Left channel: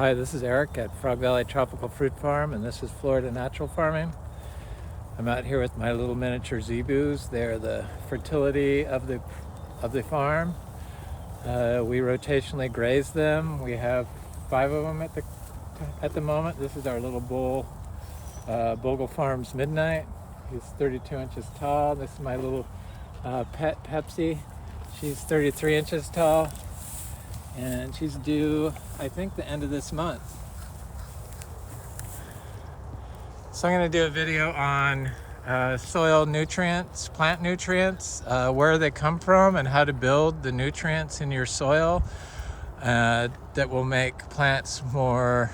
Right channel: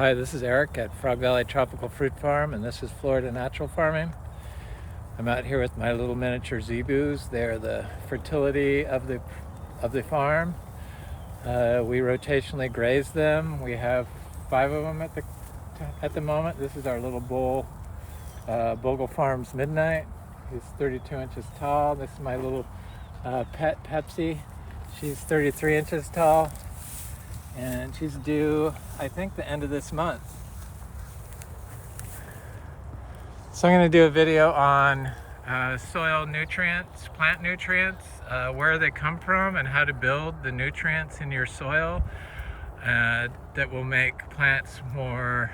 Hi, this is Eric at Frog Valley Tropical Fruit Farm, and this is Florida Natural Farming. I'm out here with my little miniature Zebus. They're the fertility of the farm. We rotationally graze them. We have 5 of them at the moment. This is our little bull, Bogle Farms Midnight. He's 32 inches tall. This is my little pet Pepsi. She's 33 inches tall, and she's due, I think, the end of this month. So I'm going to do a video on soil nutrients, plant nutrients, where they come from, and how to build the nutrients in your soil that will make plants more,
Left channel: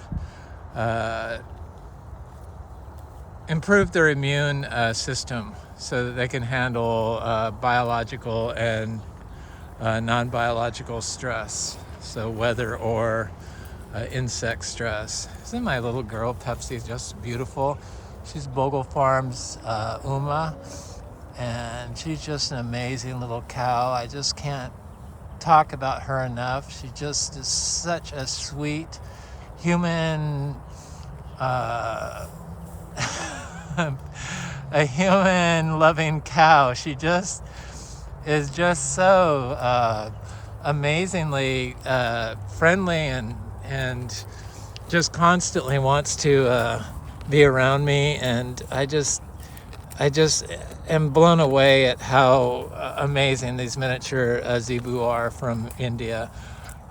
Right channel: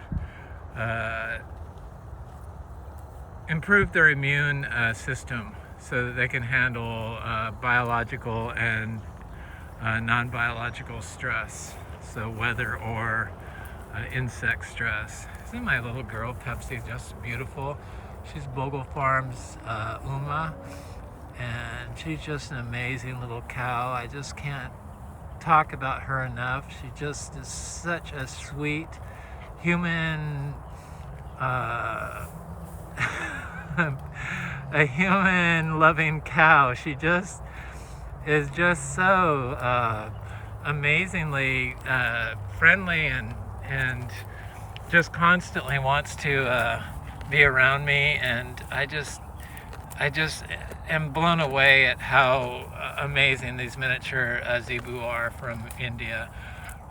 improve their immune system so that they can handle biological and non-biological stress, so weather or insect stress. Isn't my little girl Pepsi just beautiful? She's Bogle Farms Uma, and she's just an amazing little cow. I just can't talk about her enough. She just is such a sweet human, a human loving cow. She just is just so amazingly friendly and just constantly wants to be around me, and I just am blown away at how amazing these miniature Zebu are from India.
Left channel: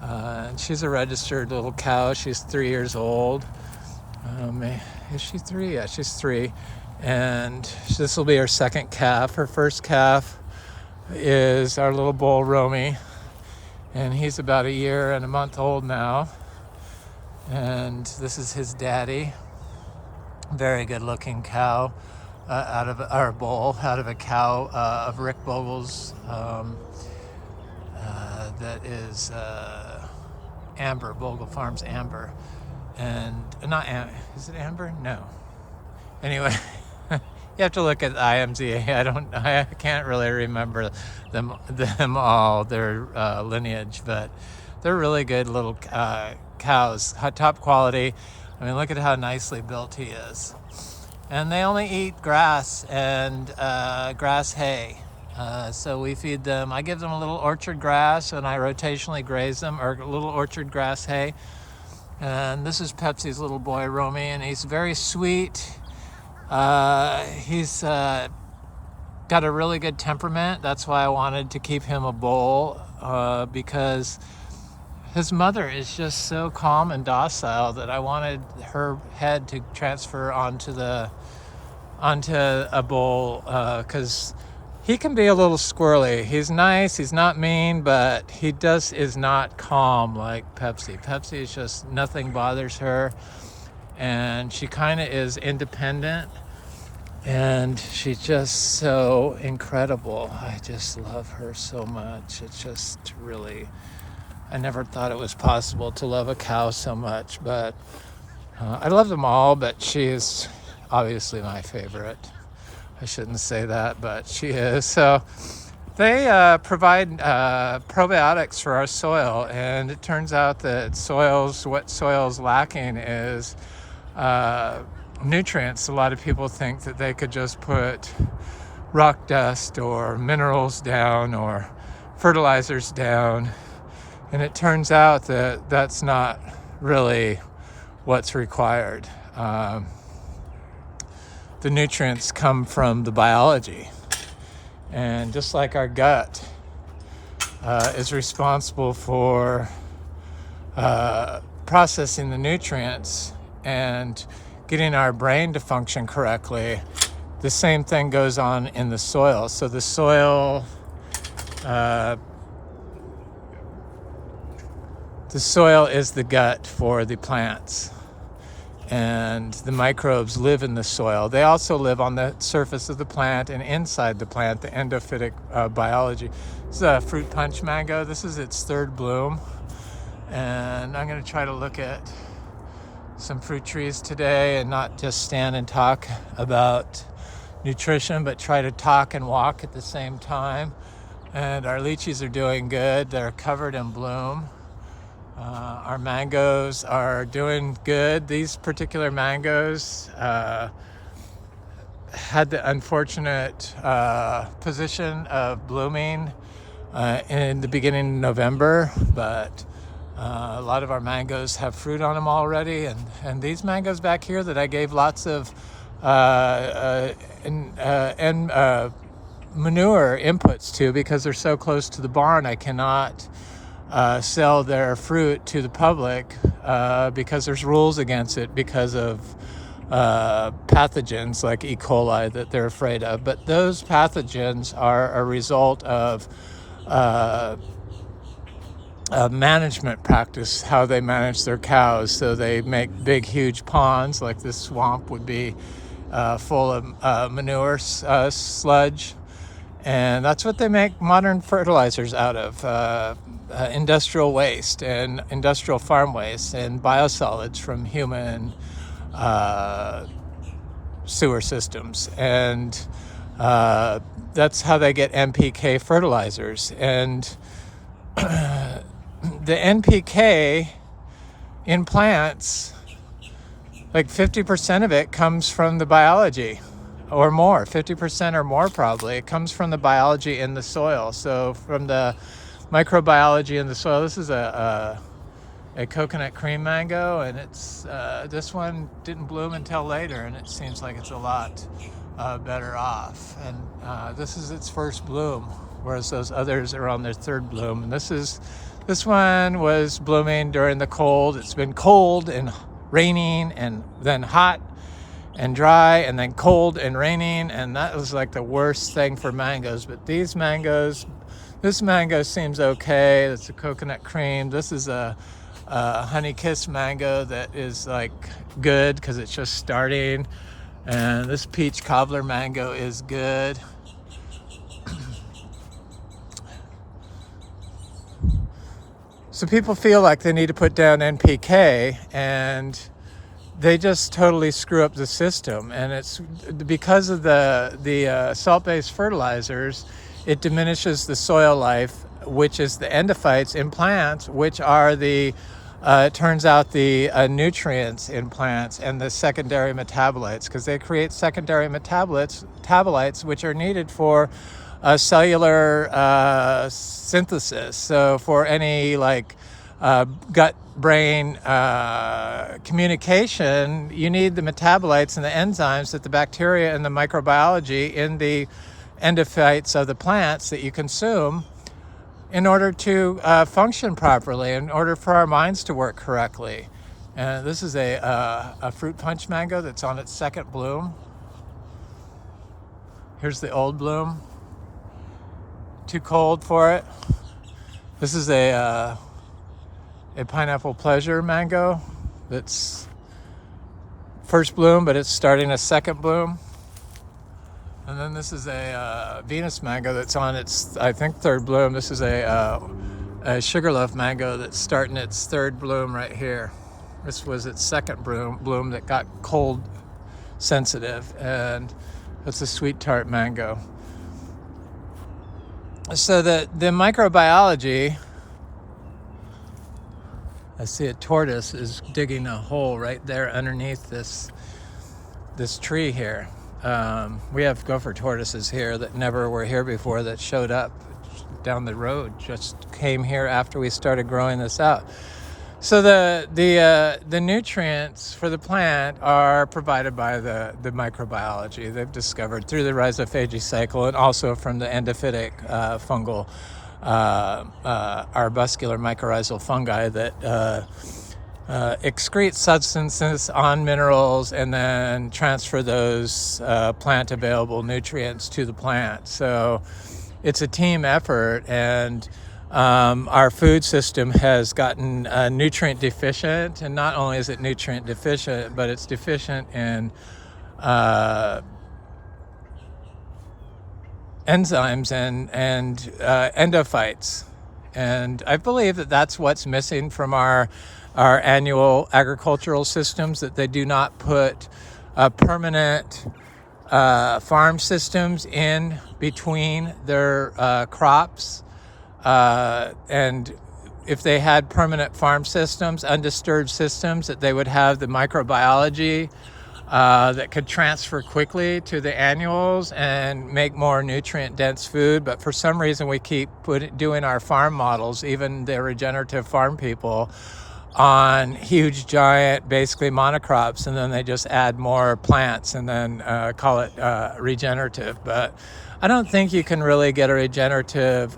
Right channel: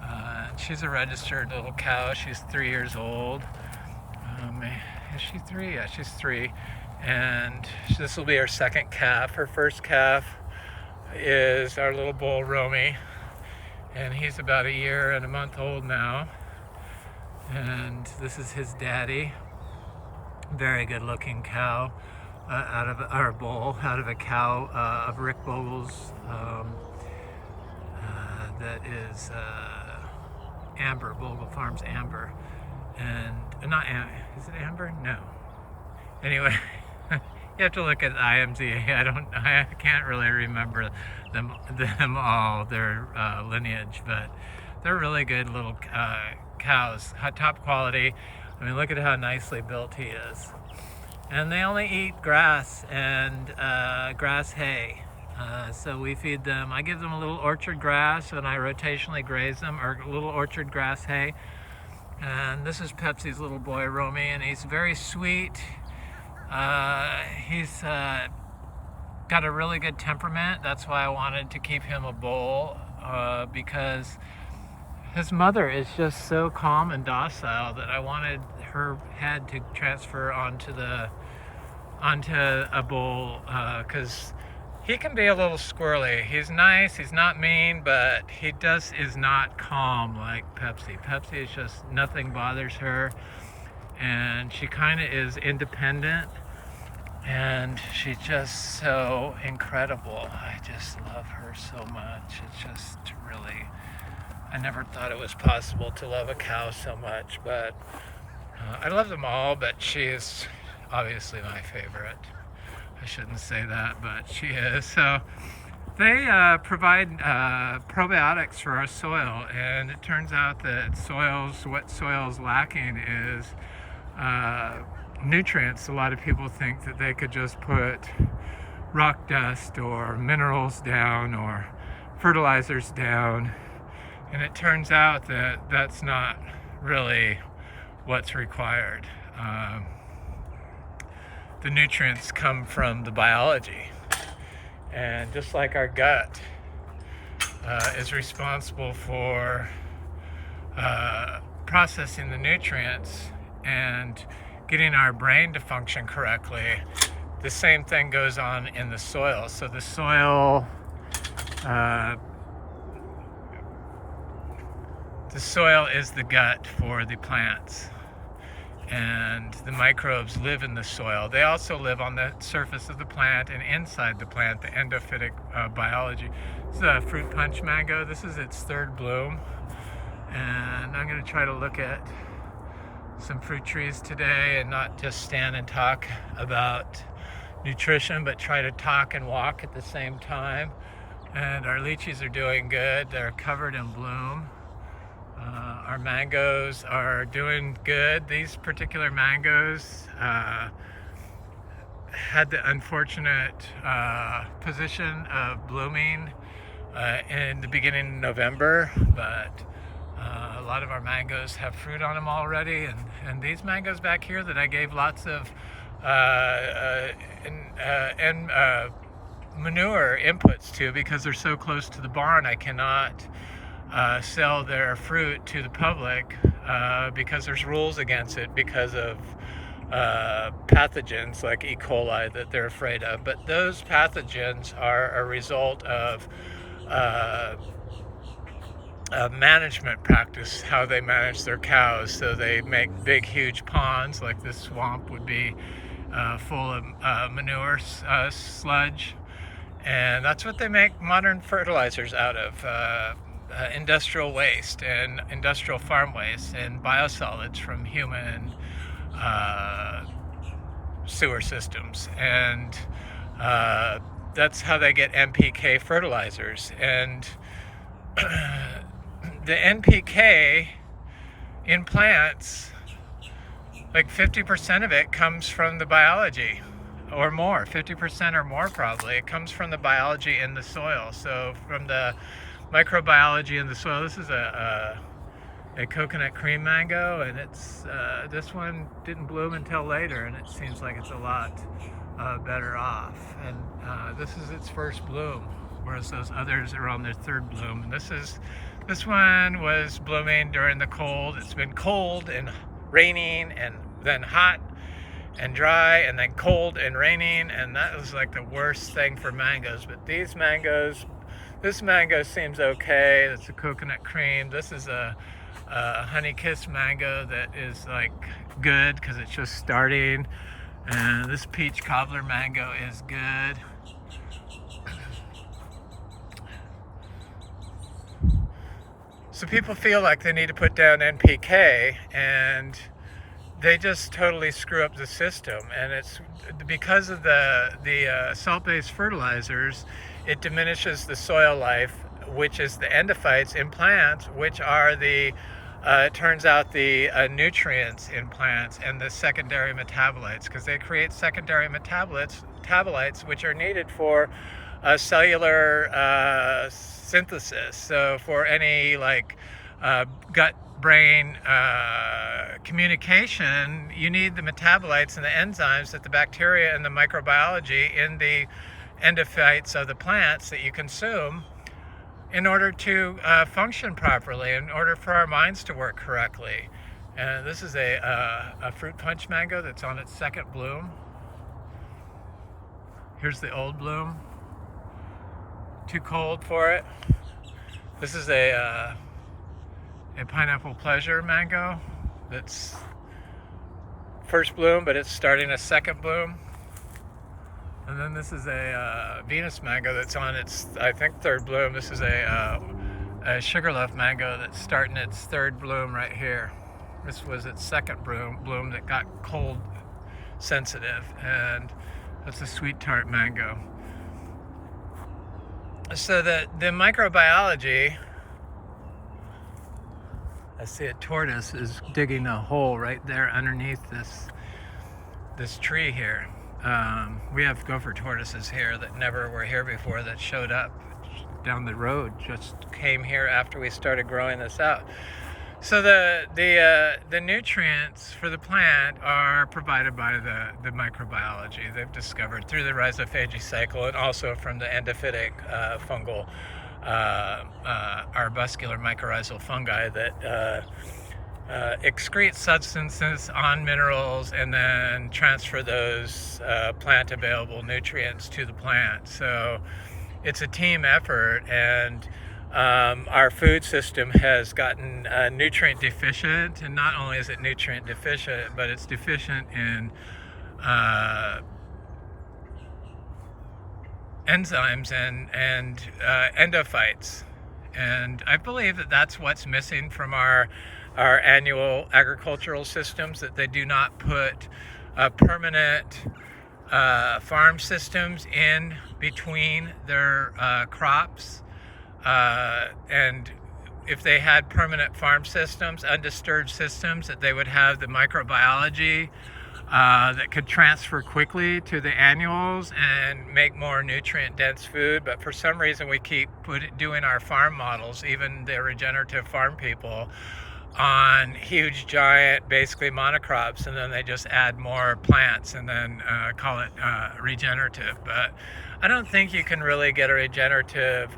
And she's a registered little cow. She's 3 years old. Is she 3? Yeah, she's 3. And this will be her second calf. Her first calf is our little bull Romy, and he's about 1 year and a month old now. And this is his daddy. Very good looking cow, out of our bull, out of a cow of Rick Bogle's, that is Amber, Bogle Farms Amber. And not is it Amber? No. Anyway, you have to look at IMZA. I can't really remember them all, their lineage, but they're really good little cows, top quality. I mean, look at how nicely built he is. And they only eat grass and grass hay. So we feed them, I give them a little orchard grass, and I rotationally graze them, or a little orchard grass hay. And this is Pepsi's little boy, Romy, and he's very sweet. He's got a really good temperament. That's why I wanted to keep him a bull, because his mother is just so calm and docile that I wanted her head to transfer onto a bull, because he can be a little squirrely. He's nice, he's not mean, but he is not calm like Pepsi. Pepsi is just, nothing bothers her, and she kind of is independent, and she's just so incredible. I just love her so much. It's just really, I never thought it was possible to love a cow so much, but I love them all, but she is obviously my favorite. I shouldn't say that, but she is. So they provide probiotics for our soil, and it turns out that what soil's lacking is nutrients. A lot of people think that they could just put rock dust or minerals down or fertilizers down, and it turns out that that's not really what's required. The nutrients come from the biology, and just like our gut is responsible for processing the nutrients and getting our brain to function correctly, the same thing goes on in the soil. So the soil is the gut for the plants, and the microbes live in the soil. They also live on the surface of the plant and inside the plant, the endophytic biology. This is a fruit punch mango. This is its 3rd bloom, and I'm going to try to look at some fruit trees today and not just stand and talk about nutrition, but try to talk and walk at the same time. And our lychees are doing good. They're covered in bloom. Our mangoes are doing good. These particular mangoes had the unfortunate position of blooming in the beginning of November, but a lot of our mangoes have fruit on them already, and these mangoes back here that I gave lots of manure inputs to because they're so close to the barn, I cannot sell their fruit to the public because there's rules against it because of pathogens like E. coli that they're afraid of. But those pathogens are a result of management practice, how they manage their cows. So they make big, huge ponds, like this swamp would be full of manure sludge. And that's what they make modern fertilizers out of. Industrial waste and industrial farm waste and biosolids from human sewer systems. And that's how they get NPK fertilizers. And the NPK in plants, like 50% of it comes from the biology, or more, 50% or more probably. It comes from the biology in the soil. So from the microbiology in the soil. This is a coconut cream mango, and it's this one didn't bloom until later, and it seems like it's a lot better off. And this is its first bloom, whereas those others are on their third bloom. And this one was blooming during the cold. It's been cold and raining, and then hot and dry, and then cold and raining, and that was like the worst thing for mangoes. But these mangoes, this mango seems okay. It's a coconut cream. This is a honey kiss mango that is like good because it's just starting, and this peach cobbler mango is good. So people feel like they need to put down NPK, and they just totally screw up the system. And it's because of the salt-based fertilizers, it diminishes the soil life, which is the endophytes in plants, which are the it turns out the nutrients in plants and the secondary metabolites, because they create secondary metabolites which are needed for cellular synthesis. So for any like gut-brain communication, you need the metabolites and the enzymes that the bacteria and the microbiology in the endophytes of the plants that you consume in order to function properly, in order for our minds to work correctly. And this is a fruit punch mango that's on its second bloom. Here's the old bloom. Too cold for it. This is a pineapple pleasure mango that's first bloom, but it's starting a second bloom. And then this is a Venus mango that's on its, I think, third bloom. This is a sugarloaf mango that's starting its third bloom right here. This was its second bloom that got cold sensitive, and that's a sweet tart mango. So the microbiology, I see a tortoise is digging a hole right there underneath this tree here. We have gopher tortoises here that never were here before, that showed up down the road, just came here after we started growing this out. So the nutrients for the plant are provided by the microbiology they've discovered through the rhizophagy cycle, and also from the endophytic fungal arbuscular mycorrhizal fungi that excrete substances on minerals and then transfer those plant available nutrients to the plant. So it's a team effort, and our food system has gotten nutrient deficient, and not only is it nutrient deficient, but it's deficient in enzymes and endophytes. And I believe that that's what's missing from our annual agricultural systems, that they do not put permanent farm systems in between their crops. And if they had permanent farm systems, undisturbed systems, that they would have the microbiology that could transfer quickly to the annuals and make more nutrient dense food. But for some reason we keep doing our farm models, even the regenerative farm people, on huge giant basically monocrops, and then they just add more plants and then call it regenerative. But I don't think you can really get a regenerative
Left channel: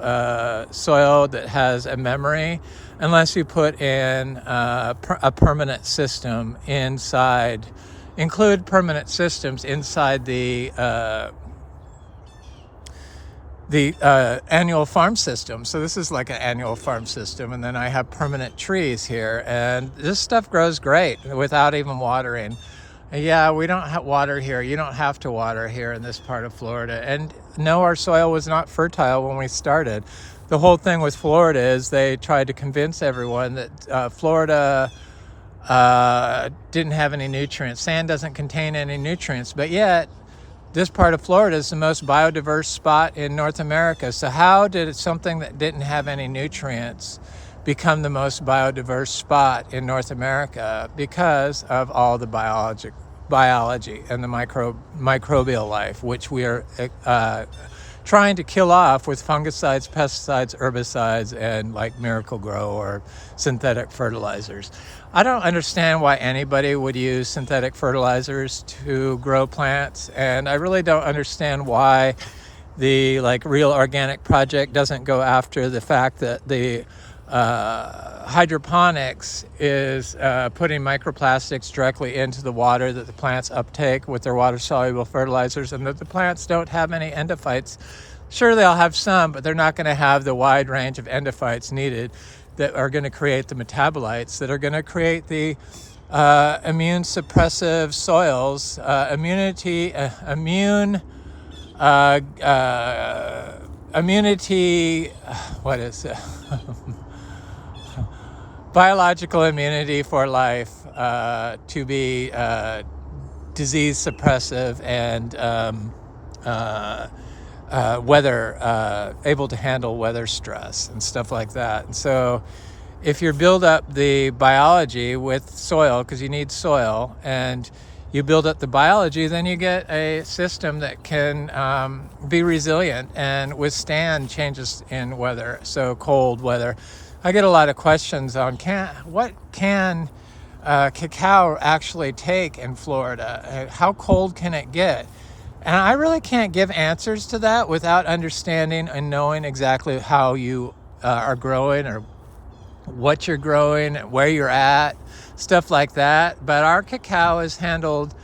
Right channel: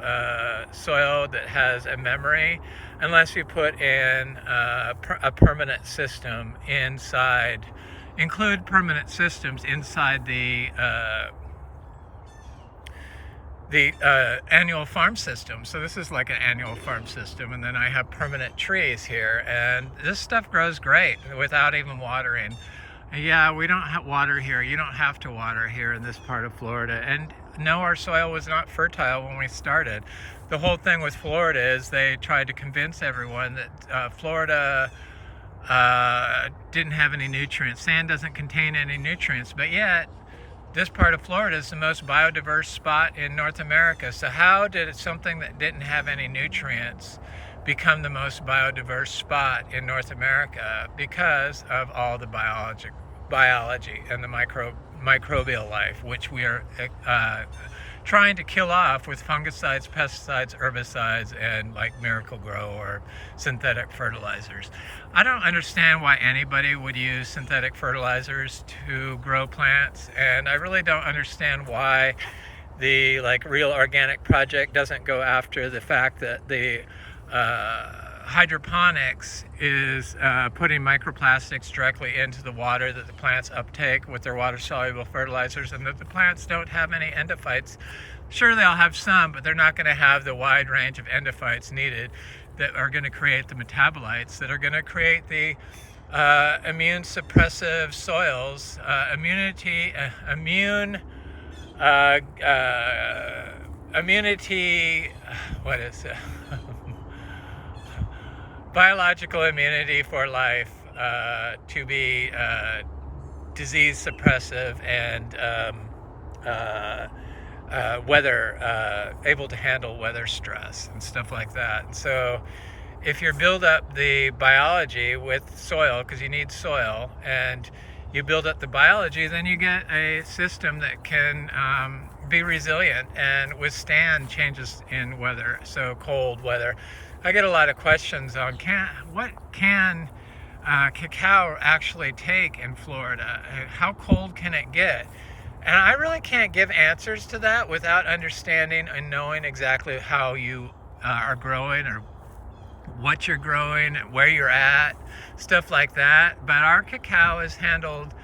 soil that has a memory unless you put in a permanent system inside, include permanent systems inside the annual farm system. So this is like an annual farm system, and then I have permanent trees here, and this stuff grows great without even watering. Yeah, we don't have water here. You don't have to water here in this part of Florida. And no, our soil was not fertile when we started. The whole thing with Florida is they tried to convince everyone that Florida didn't have any nutrients. Sand doesn't contain any nutrients, but yet this part of Florida is the most biodiverse spot in North America. So how did something that didn't have any nutrients become the most biodiverse spot in North America? Because of all the biology and the microbial life, which we are trying to kill off with fungicides, pesticides, herbicides, and like Miracle-Gro or synthetic fertilizers. I don't understand why anybody would use synthetic fertilizers to grow plants, and I really don't understand why the Real Organic Project doesn't go after the fact that the hydroponics is putting microplastics directly into the water that the plants uptake with their water-soluble fertilizers, and that the plants don't have any endophytes. Sure, they'll have some, but they're not going to have the wide range of endophytes needed that are going to create the metabolites that are going to create the immune suppressive soils, immunity, what is it? Biological immunity for life, to be disease suppressive and able to handle weather stress and stuff like that. And so if you build up the biology with soil, because you need soil, and you build up the biology, then you get a system that can be resilient and withstand changes in weather, so cold weather. I get a lot of questions on what can cacao actually take in Florida? How cold can it get? And I really can't give answers to that without understanding and knowing exactly how you are growing, or what you're growing, where you're at, stuff like that. But our cacao is handled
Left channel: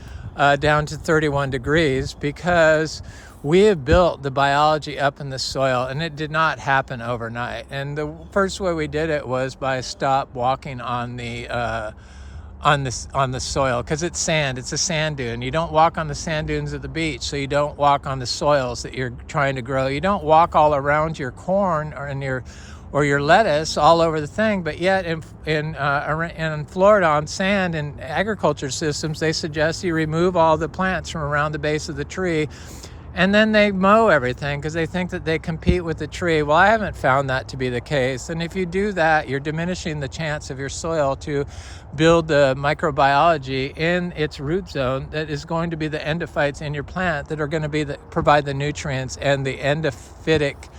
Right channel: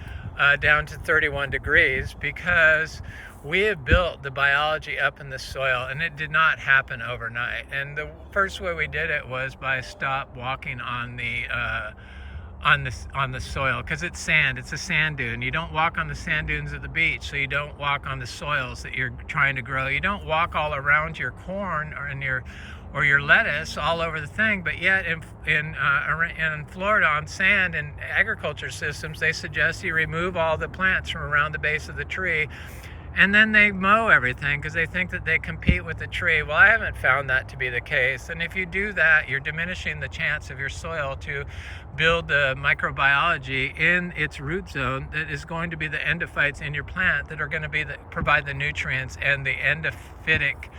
down to 31 degrees because we have built the biology up in the soil, and it did not happen overnight. And the first way we did it was by stop walking on the soil, because it's sand. It's a sand dune. You don't walk on the sand dunes of the beach, so you don't walk on the soils that you're trying to grow. You don't walk all around your corn or your lettuce all over the thing. But yet in Florida, on sand and agriculture systems, they suggest you remove all the plants from around the base of the tree, and then they mow everything because they think that they compete with the tree. Well, I haven't found that to be the case. And if you do that, you're diminishing the chance of your soil to build the microbiology in its root zone that is going to be the endophytes in your plant that are going to provide the nutrients and the endophytic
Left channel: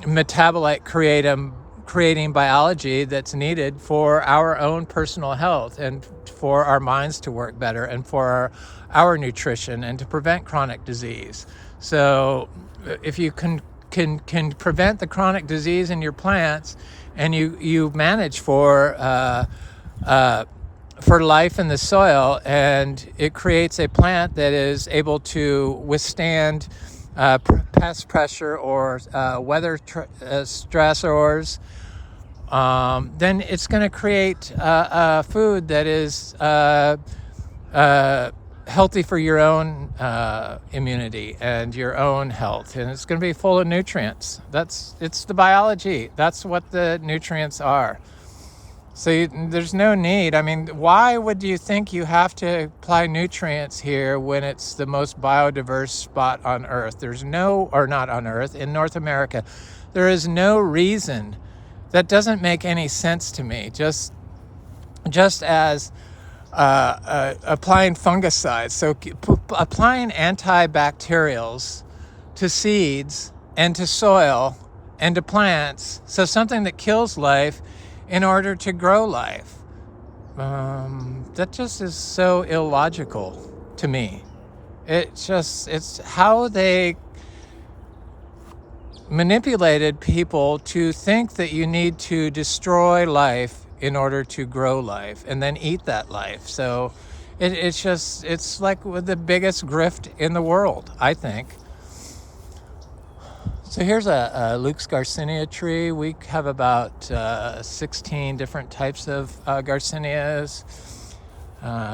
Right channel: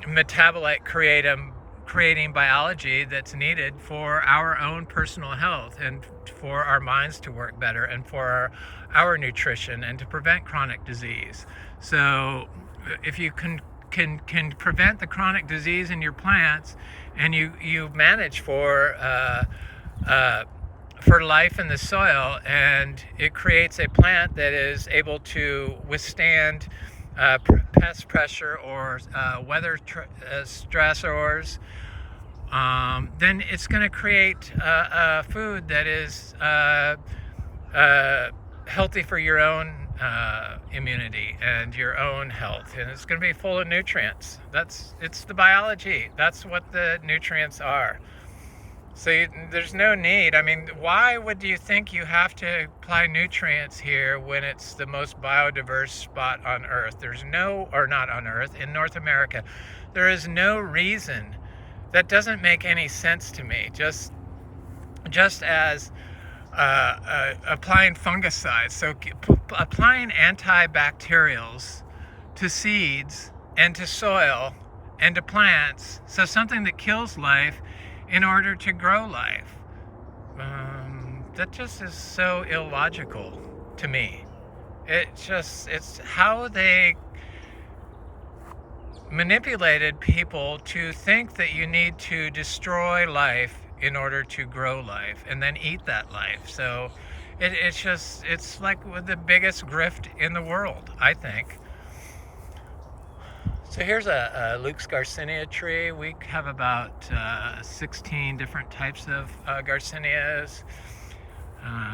metabolite creating biology that's needed for our own personal health, and for our minds to work better, and for our nutrition, and to prevent chronic disease. So if you can prevent the chronic disease in your plants, and you manage for life in the soil, and it creates a plant that is able to withstand pest pressure or weather stressors, then it's going to create food that is healthy for your own immunity and your own health, and it's going to be full of nutrients. It's the biology. That's what the nutrients are. So there's no need. I mean, why would you think you have to apply nutrients here when it's the most biodiverse spot on Earth? Not on Earth, in North America. There is no reason that doesn't make any sense to me. Just as applying fungicides, so applying antibacterials to seeds and to soil and to plants, so something that kills life in order to grow life. That just is so illogical to me. It's how they manipulated people to think that you need to destroy life in order to grow life and then eat that life. So it's like the biggest grift in the world, I think. So here's a Luke's Garcinia tree. We have about 16 different types of Garcinias,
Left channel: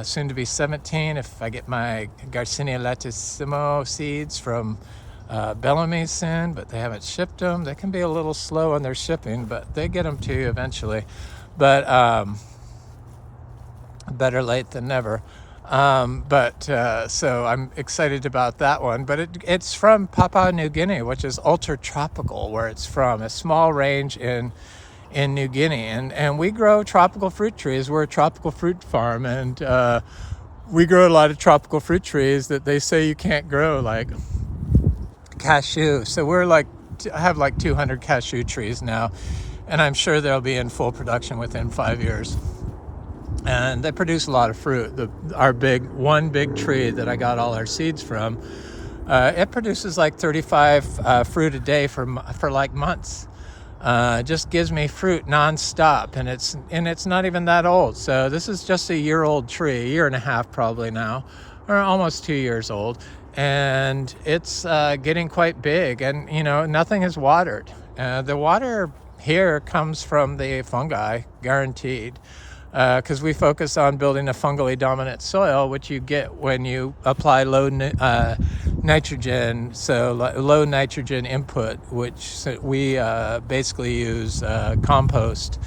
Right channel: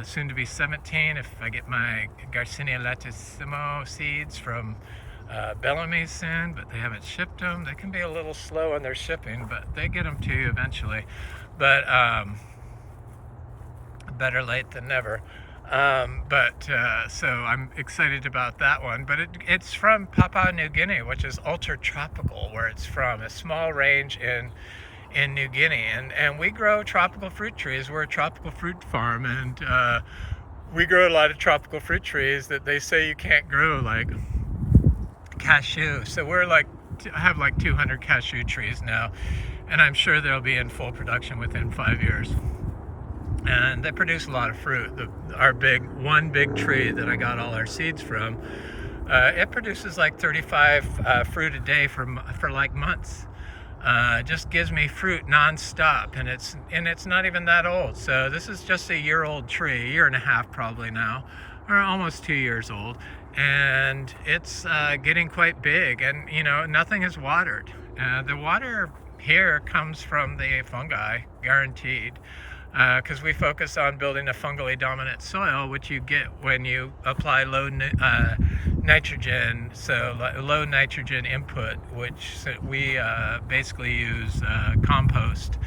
soon to be 17 if I get my Garcinia latissimo seeds from Bellamy soon, but they haven't shipped them. They can be a little slow in their shipping, but they get them to you eventually. But better late than never. So I'm excited about that one. But it's from Papua New Guinea, which is ultra tropical where it's from, a small range in New Guinea. And we grow tropical fruit trees. We're a tropical fruit farm, and we grow a lot of tropical fruit trees that they say you can't grow, like cashew. So I have like 200 cashew trees now, and I'm sure they'll be in full production within 5 years. And they produce a lot of fruit. One big tree that I got all our seeds from, it produces like 35 fruit a day for like months. It just gives me fruit nonstop, and it's not even that old. So this is just a year-old tree, a year and a half probably now, or almost 2 years old. And it's getting quite big, and nothing is watered. The water here comes from the fungi, guaranteed, because we focus on building a fungally dominant soil, which you get when you apply low nitrogen, so low nitrogen input, which we basically use compost.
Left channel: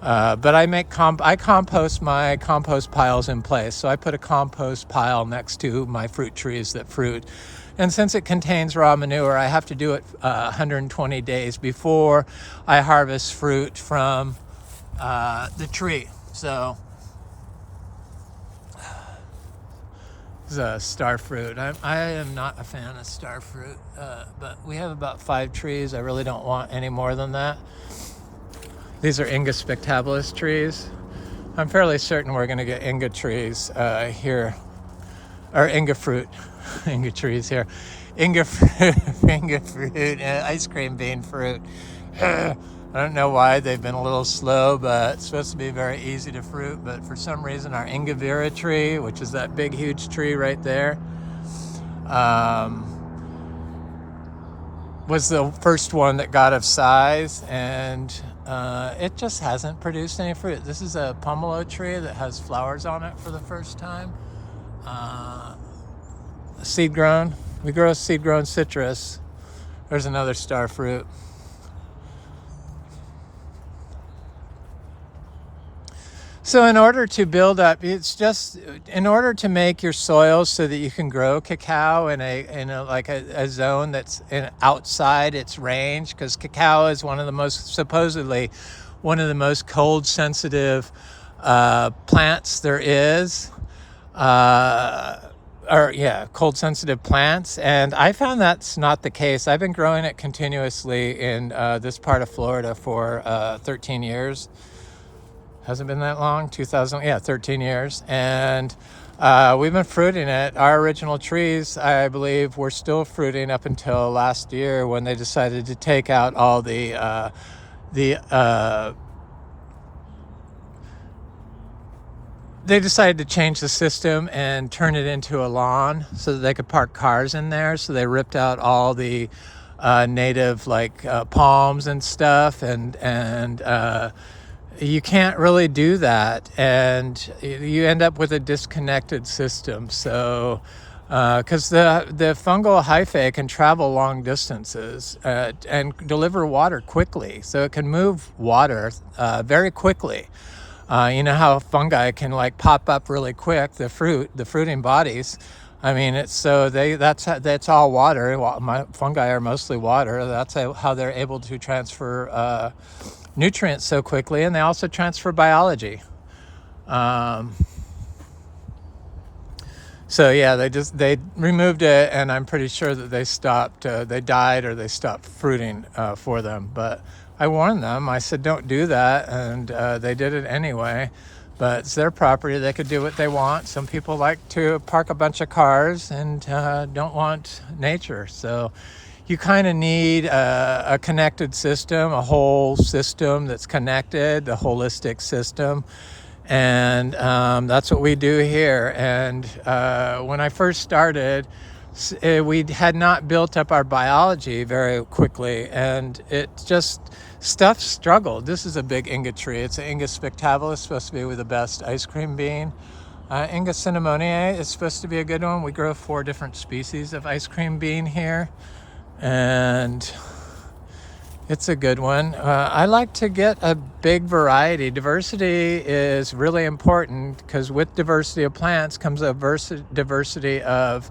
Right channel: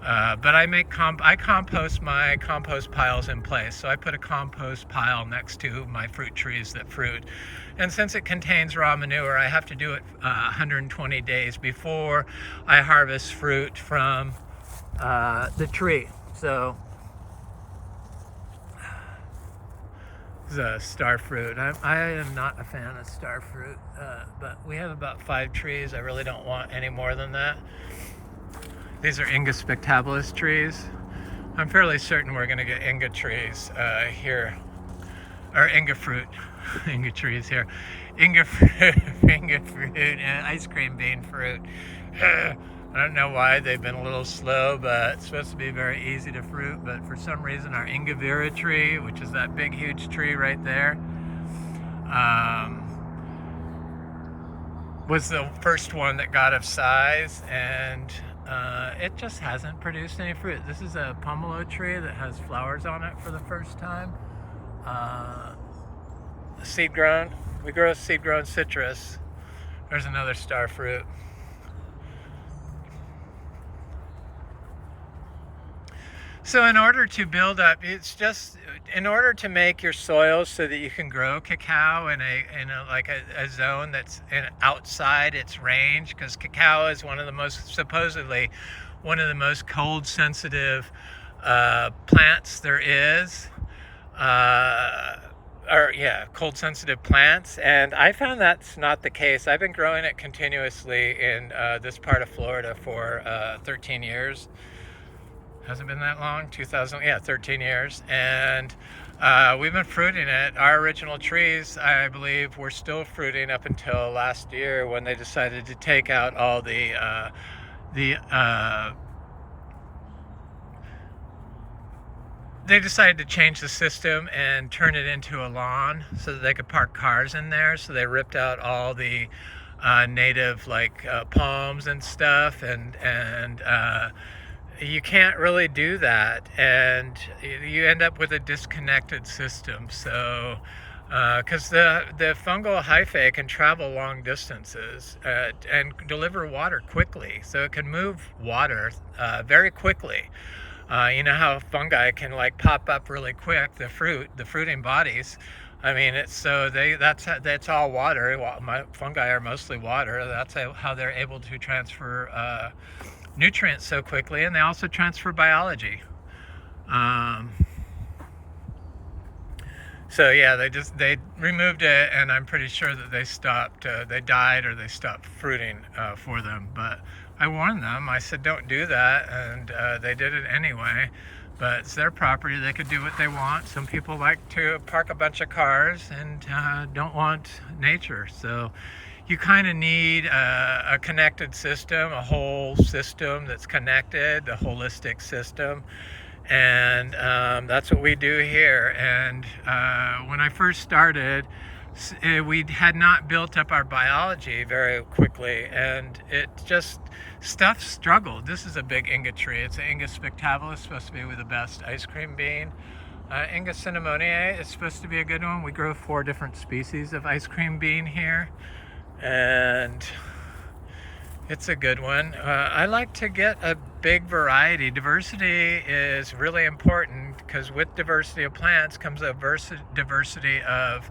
But I compost my compost piles in place. So I put a compost pile next to my fruit trees that fruit. And since it contains raw manure, I have to do it 120 days before I harvest fruit from the tree. So this is a star fruit. I am not a fan of star fruit, but we have about 5 trees. I really don't want any more than that. These are Inga spectabilis trees. I'm fairly certain we're going to get Inga trees here, or Inga fruit, Inga trees here. Inga fruit, ice cream bean fruit. I don't know why they've been a little slow, but it's supposed to be very easy to fruit. But for some reason, our Inga vera tree, which is that big, huge tree right there, was the first one that got of size, and it just hasn't produced any fruit. This is a pomelo tree that has flowers on it for the first time. Seed grown. We grow seed grown citrus. There's another star fruit. So in order to build up, in order to make your soil so that you can grow cacao in a zone that's outside its range, because cacao is supposedly one of the most cold sensitive plants there is. Cold sensitive plants, and I found that's not the case. I've been growing it continuously in this part of Florida for 13 years. Hasn't been that long, 13 years. And we've been fruiting it. Our original trees, I believe, were still fruiting up until last year when they decided to take out all they decided to change the system and turn it into a lawn so that they could park cars in there. So they ripped out all the native palms and stuff, and you can't really do that, and you end up with a disconnected system. So because the fungal hyphae can travel long distances and deliver water quickly, so it can move water very quickly. You know how fungi can pop up really quick, the fruiting bodies. I mean, that's all water. Fungi are mostly water. That's how they're able to transfer nutrients so quickly, and they also transfer biology. So yeah, they removed it, and I'm pretty sure that they stopped. They died or they stopped fruiting for them. But I warned them. I said, don't do that, and they did it anyway. But it's their property. They could do what they want. Some people like to park a bunch of cars and don't want nature. So you kind of need a connected system, a whole system that's connected, the holistic system. And that's what we do here. And when I first started, we had not built up our biology very quickly, and it just, stuff struggled. This is a big inga tree. It's an Inga spectaculus, supposed to be the best ice cream bean. Inga cinnamoniae is supposed to be a good one. We grow 4 different species of ice cream bean here, and it's a good one. I like to get a big variety. Diversity is really important, because with diversity of plants comes a diversity of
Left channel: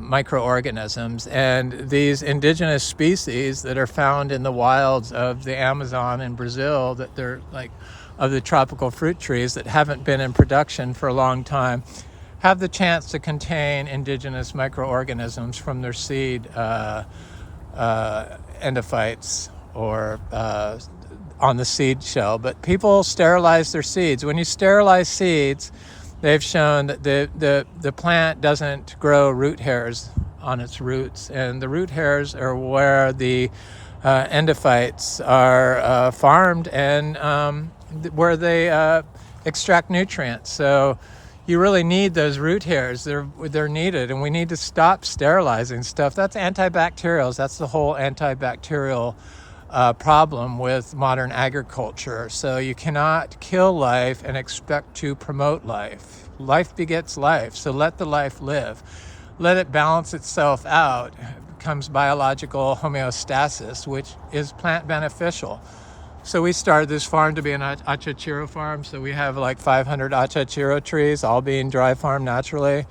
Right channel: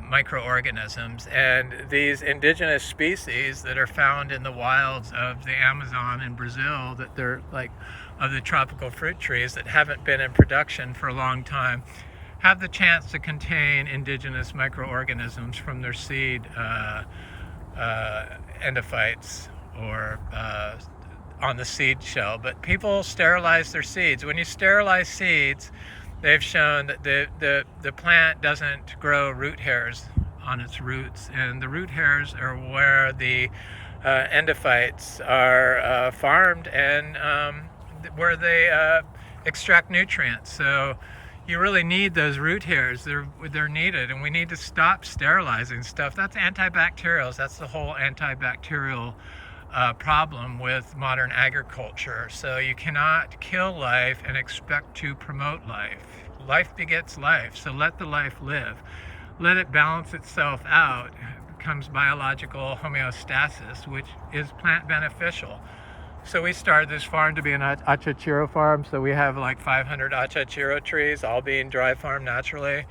microorganisms. And these indigenous species that are found in the wilds of the Amazon and Brazil, that they're like of the tropical fruit trees that haven't been in production for a long time, have the chance to contain indigenous microorganisms from their seed endophytes or on the seed shell. But people sterilize their seeds. When you sterilize seeds, they've shown that the plant doesn't grow root hairs on its roots, and the root hairs are where the endophytes are farmed, and where they extract nutrients. So you really need those root hairs. They're needed, and we need to stop sterilizing stuff. That's antibacterials. That's the whole antibacterial problem with modern agriculture. So you cannot kill life and expect to promote life. Life begets life, so let the life live. Let it balance itself out. It becomes biological homeostasis, which is plant beneficial. So we started this farm to be an achachiro farm. So we have like 500 achachiro trees, all being dry farmed naturally.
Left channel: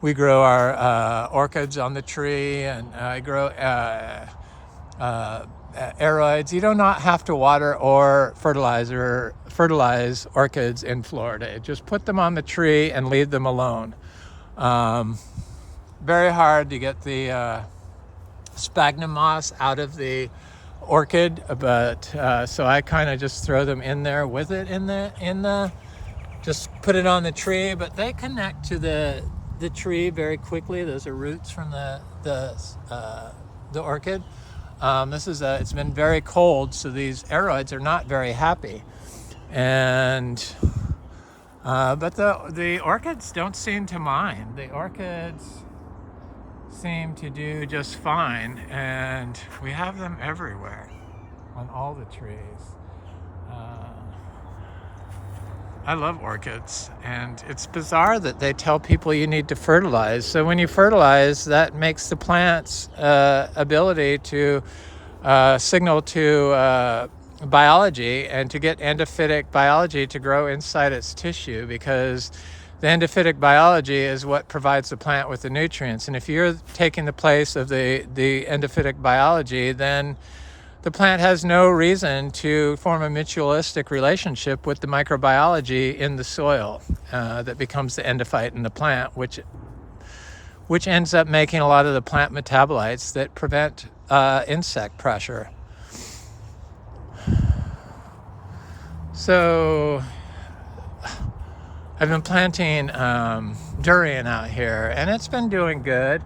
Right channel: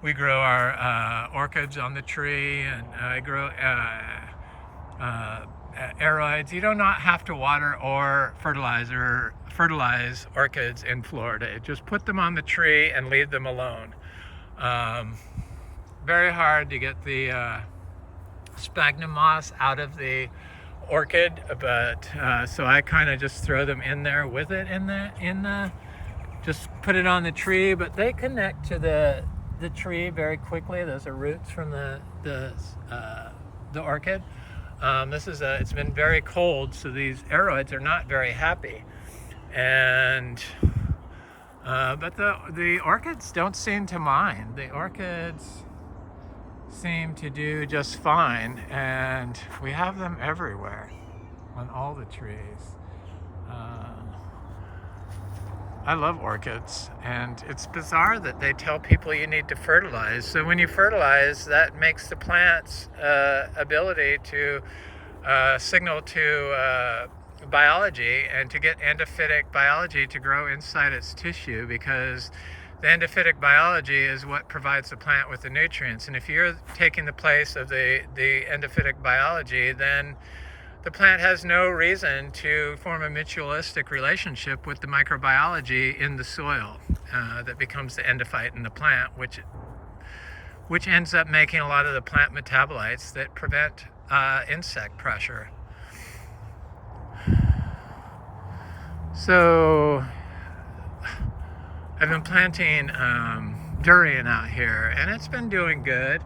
We grow our orchids on the tree, and I grow aeroids. You do not have to water or fertilize orchids in Florida. Just put them on the tree and leave them alone. Very hard to get the sphagnum moss out of the orchid, but so I kind of just throw them in there with it in the just put it on the tree. But they connect to the tree very quickly. Those are roots from the orchid. It's been very cold, so these aeroids are not very happy, and but the orchids don't seem to mind. The orchids seem to do just fine, and we have them everywhere on all the trees. I love orchids, and it's bizarre that they tell people you need to fertilize. So when you fertilize, that makes the plant's ability to signal to biology, and to get endophytic biology to grow inside its tissue, because the endophytic biology is what provides the plant with the nutrients. And if you're taking the place of the endophytic biology, then the plant has no reason to form a mutualistic relationship with the microbiology in the soil that becomes the endophyte in the plant, which ends up making a lot of the plant metabolites that prevent insect pressure. So I've been planting durian out here, and it's been doing good,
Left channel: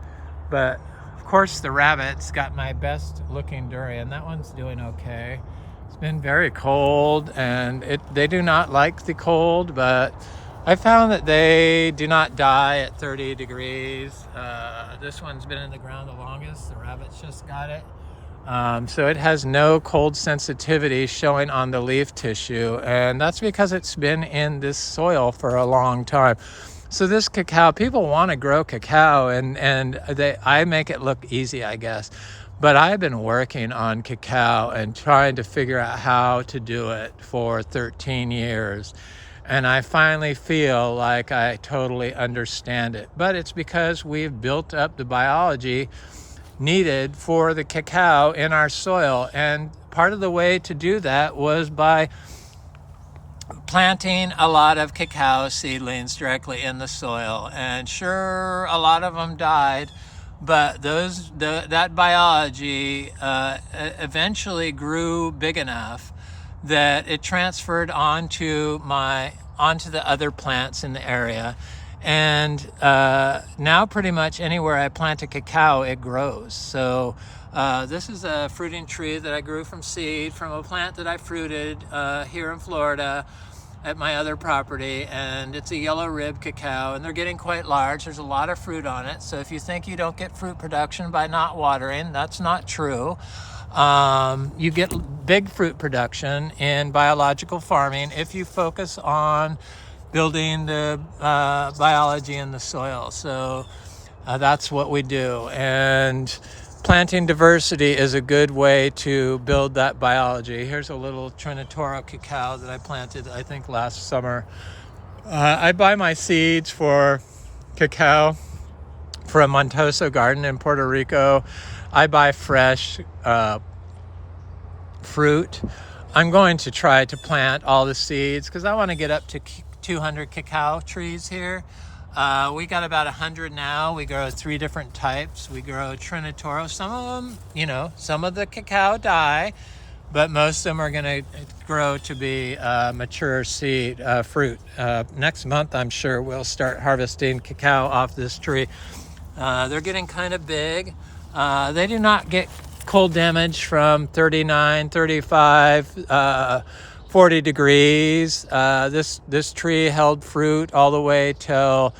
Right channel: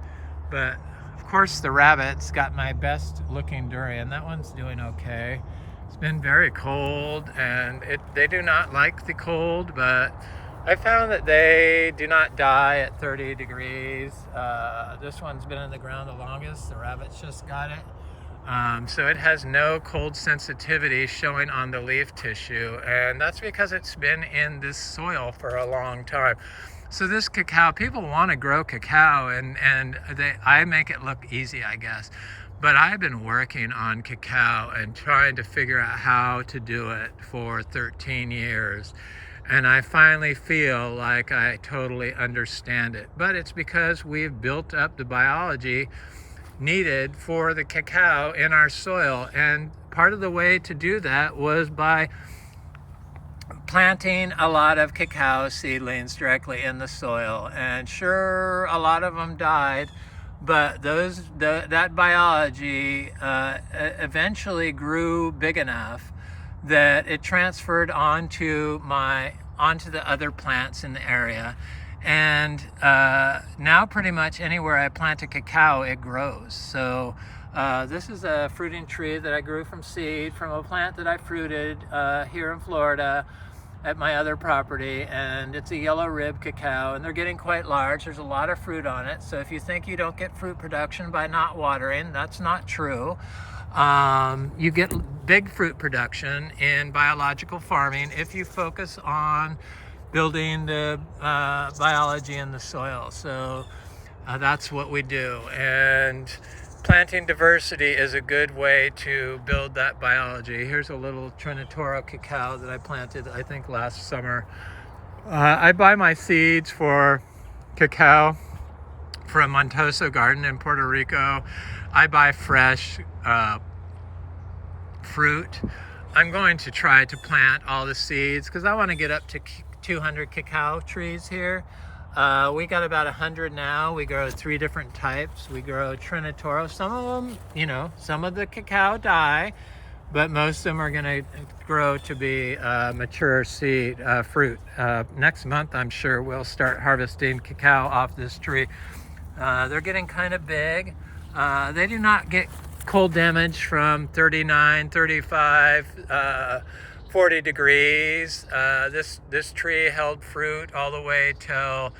but of course the rabbits got my best looking durian. That one's doing okay. It's been very cold, and they do not like the cold, but I found that they do not die at 30 degrees. This one's been in the ground the longest. The rabbits just got it. So it has no cold sensitivity showing on the leaf tissue, and that's because it's been in this soil for a long time. So this cacao, people want to grow cacao, and I make it look easy, I guess. But I've been working on cacao and trying to figure out how to do it for 13 years. And I finally feel like I totally understand it. But it's because we've built up the biology needed for the cacao in our soil. And part of the way to do that was by planting a lot of cacao seedlings directly in the soil. And sure, a lot of them died, but that biology eventually grew big enough that it transferred onto the other plants in the area. And now pretty much anywhere I plant a cacao, it grows. So this is a fruiting tree that I grew from seed from a plant that I fruited here in Florida at my other property, and it's a yellow rib cacao, and they're getting quite large. There's a lot of fruit on it, so if you think you don't get fruit production by not watering, that's not true. You get big fruit production in biological farming if you focus on building the biology in the soil. So that's what we do, and planting diversity is a good way to build that biology. Here's a little Trinitoro cacao that I planted, I think, last summer. I buy my seeds for cacao from Montoso Garden in Puerto Rico. I buy fresh fruit. I'm going to try to plant all the seeds because I want to get up to 200 cacao trees here. We got about 100 now. We grow 3 different types. We grow Trinitoro. Some of them, some of the cacao die, but most of them are going to grow to be mature seed fruit. Next month, I'm sure we'll start harvesting cacao off this tree. They're getting kind of big. They do not get cold damage from 39, 35, 40 degrees. This tree held fruit all the way till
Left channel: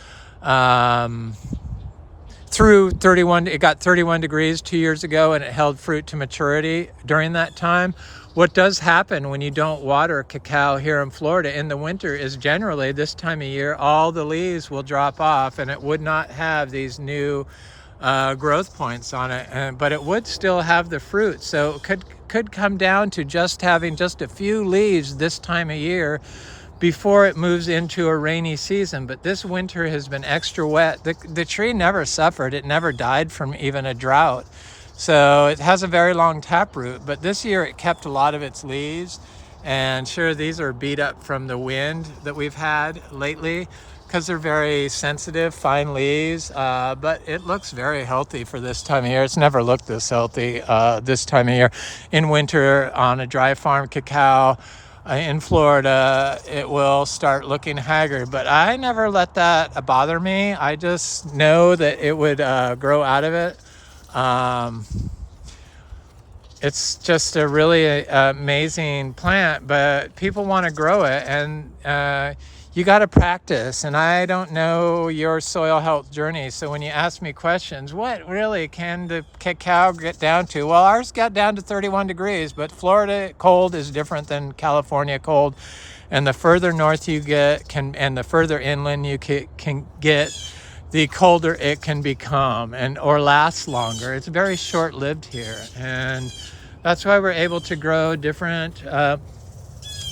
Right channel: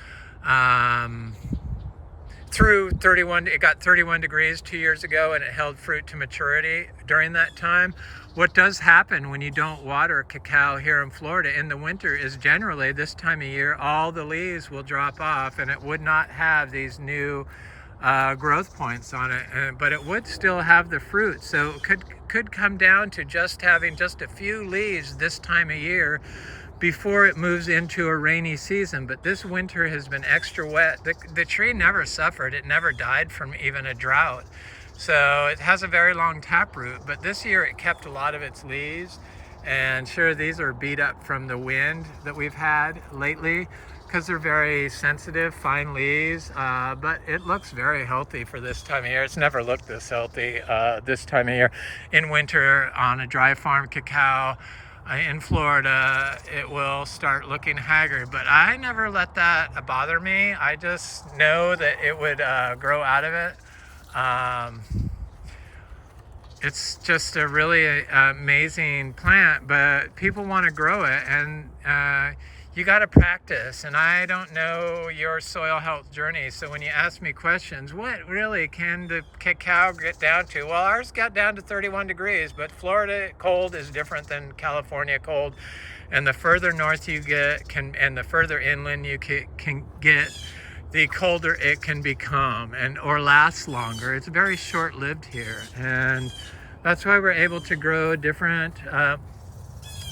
through 31. It got 31 degrees 2 years ago, and it held fruit to maturity during that time. What does happen when you don't water cacao here in Florida in the winter is generally this time of year, all the leaves will drop off, and it would not have these new growth points on it, but it would still have the fruit. So it could come down to just having just a few leaves this time of year before it moves into a rainy season. But this winter has been extra wet. The tree never suffered. It never died from even a drought. So it has a very long taproot, but this year it kept a lot of its leaves. And sure, these are beat up from the wind that we've had lately because they're very sensitive, fine leaves, but it looks very healthy for this time of year. It's never looked this healthy this time of year. In winter, on a dry farm cacao in Florida, it will start looking haggard, but I never let that bother me. I just know that it would grow out of it. It's just a really amazing plant, but people want to grow it, and you got to practice. And I don't know your soil health journey, so when you ask me questions, what really can the cacao get down to? Well, ours got down to 31 degrees, but Florida cold is different than California cold, and the further north you get and the further inland you can get, the colder it can become or last longer. It's very short-lived here, and that's why we're able to grow different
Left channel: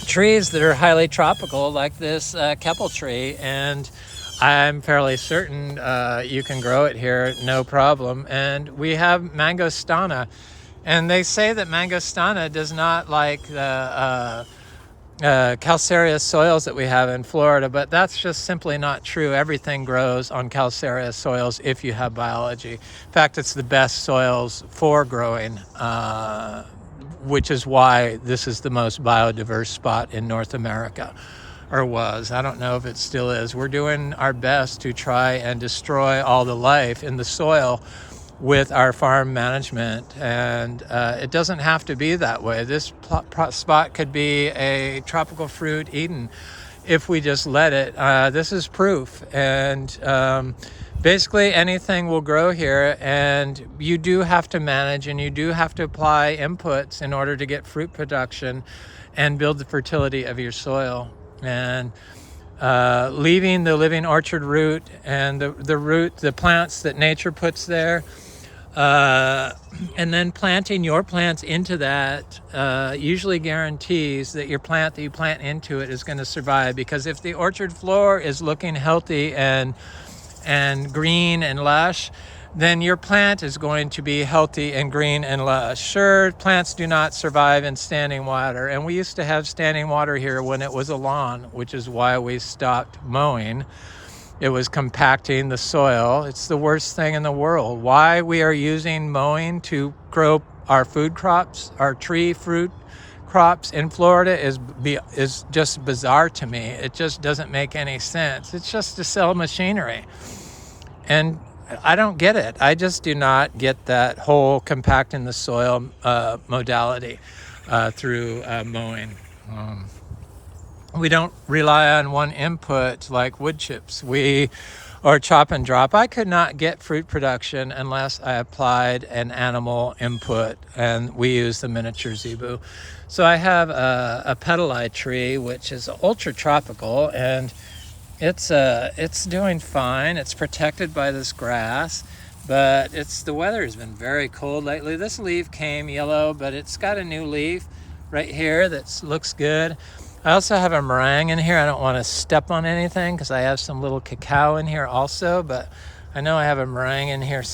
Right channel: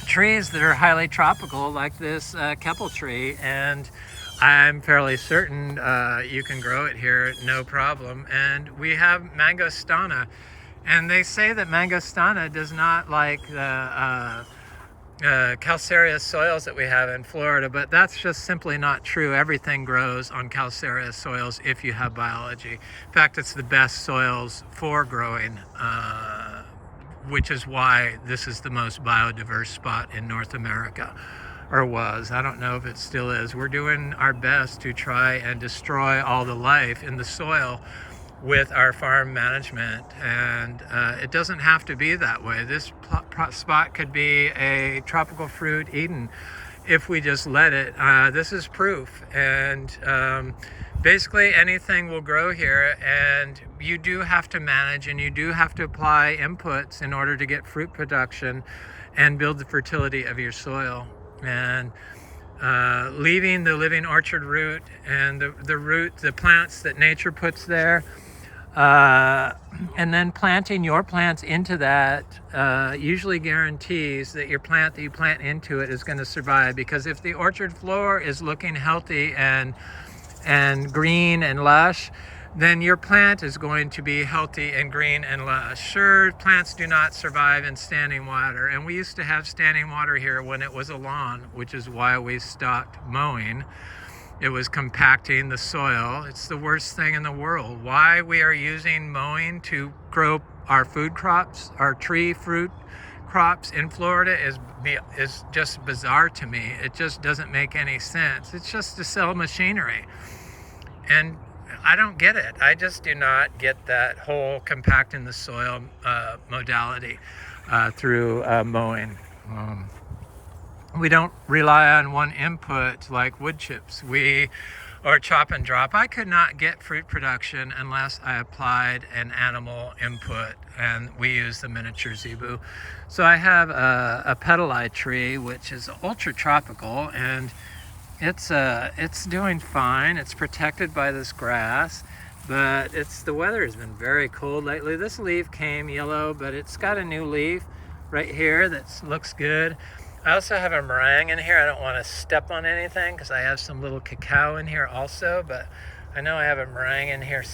trees that are highly tropical, like this keppel tree, and I'm fairly certain you can grow it here no problem. And we have Mangosteena, and they say that Mangosteena does not like the calcareous soils that we have in Florida, but that's just simply not true. Everything grows on calcareous soils if you have biology. In fact, it's the best soils for growing, which is why this is the most biodiverse spot in North America, or was. I don't know if it still is. We're doing our best to try and destroy all the life in the soil with our farm management, and it doesn't have to be that way. This spot could be a tropical fruit Eden if we just let it. This is proof, and basically anything will grow here, and you do have to manage, and you do have to apply inputs in order to get fruit production and build the fertility of your soil. And leaving the living orchard root and the plants that nature puts there, and then planting your plants into that usually guarantees that your plant that you plant into it is going to survive. Because if the orchard floor is looking healthy and green and lush, then your plant is going to be healthy and green and lush. Sure, plants do not survive in standing water, and we used to have standing water here when it was a lawn, which is why we stopped mowing. It was compacting the soil. It's the worst thing in the world. Why we are using mowing to grow our food crops, our tree fruit crops in Florida is just bizarre to me. It just doesn't make any sense. It's just to sell machinery. And I don't get it. I just do not get that whole compacting the soil modality through mowing. We don't rely on one input like wood chips or chop and drop. I could not get fruit production unless I applied an animal input, and we use the miniature Zebu. So I have a pedali tree, which is ultra tropical, and it's doing fine. It's protected by this grass, but the weather has been very cold lately. This leaf came yellow, but it's got a new leaf right here that looks good. I also have a meringue in here. I don't want to step on anything because I have some little cacao in here also, but I know I have a meringue in here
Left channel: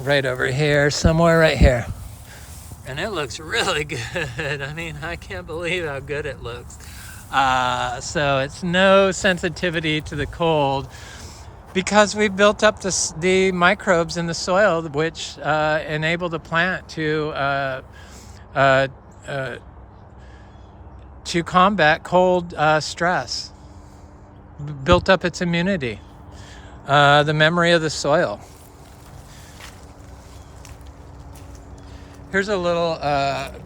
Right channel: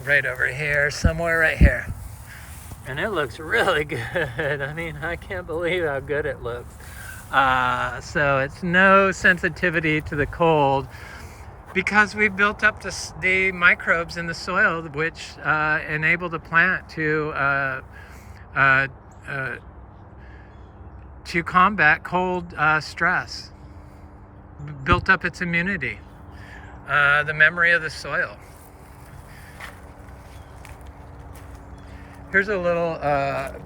right over here, somewhere right here. And it looks really good. I mean, I can't believe how good it looks. So it's no sensitivity to the cold because we've built up the microbes in the soil which enable the plant to combat cold stress, built up its immunity, the memory of the soil. Here's a little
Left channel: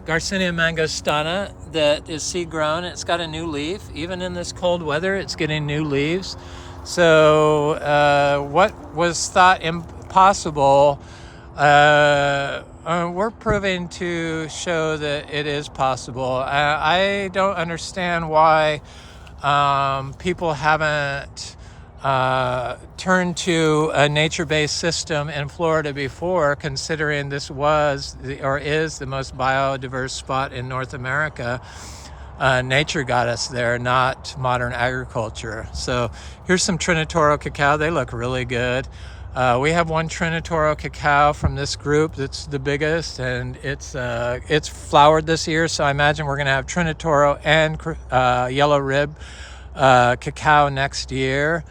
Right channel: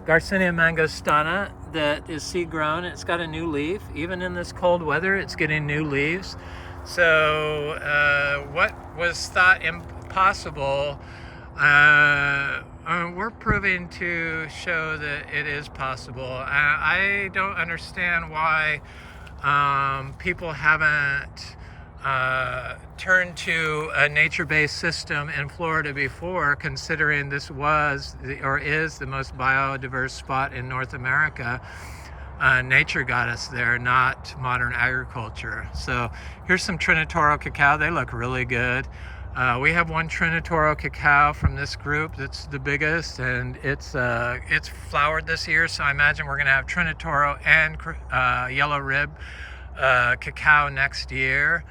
Garcinia mangostana that is seed grown. It's got a new leaf. Even in this cold weather, it's getting new leaves. So what was thought impossible, we're proving to show that it is possible. I don't understand why people haven't turned to a nature-based system in Florida before, considering this was or is the most biodiverse spot in North America. Nature got us there, not modern agriculture. So here's some Trinitoro cacao. They look really good. We have one Trinitoro cacao from this group that's the biggest, and it's flowered this year, so I imagine we're going to have Trinitoro and yellow rib cacao next year.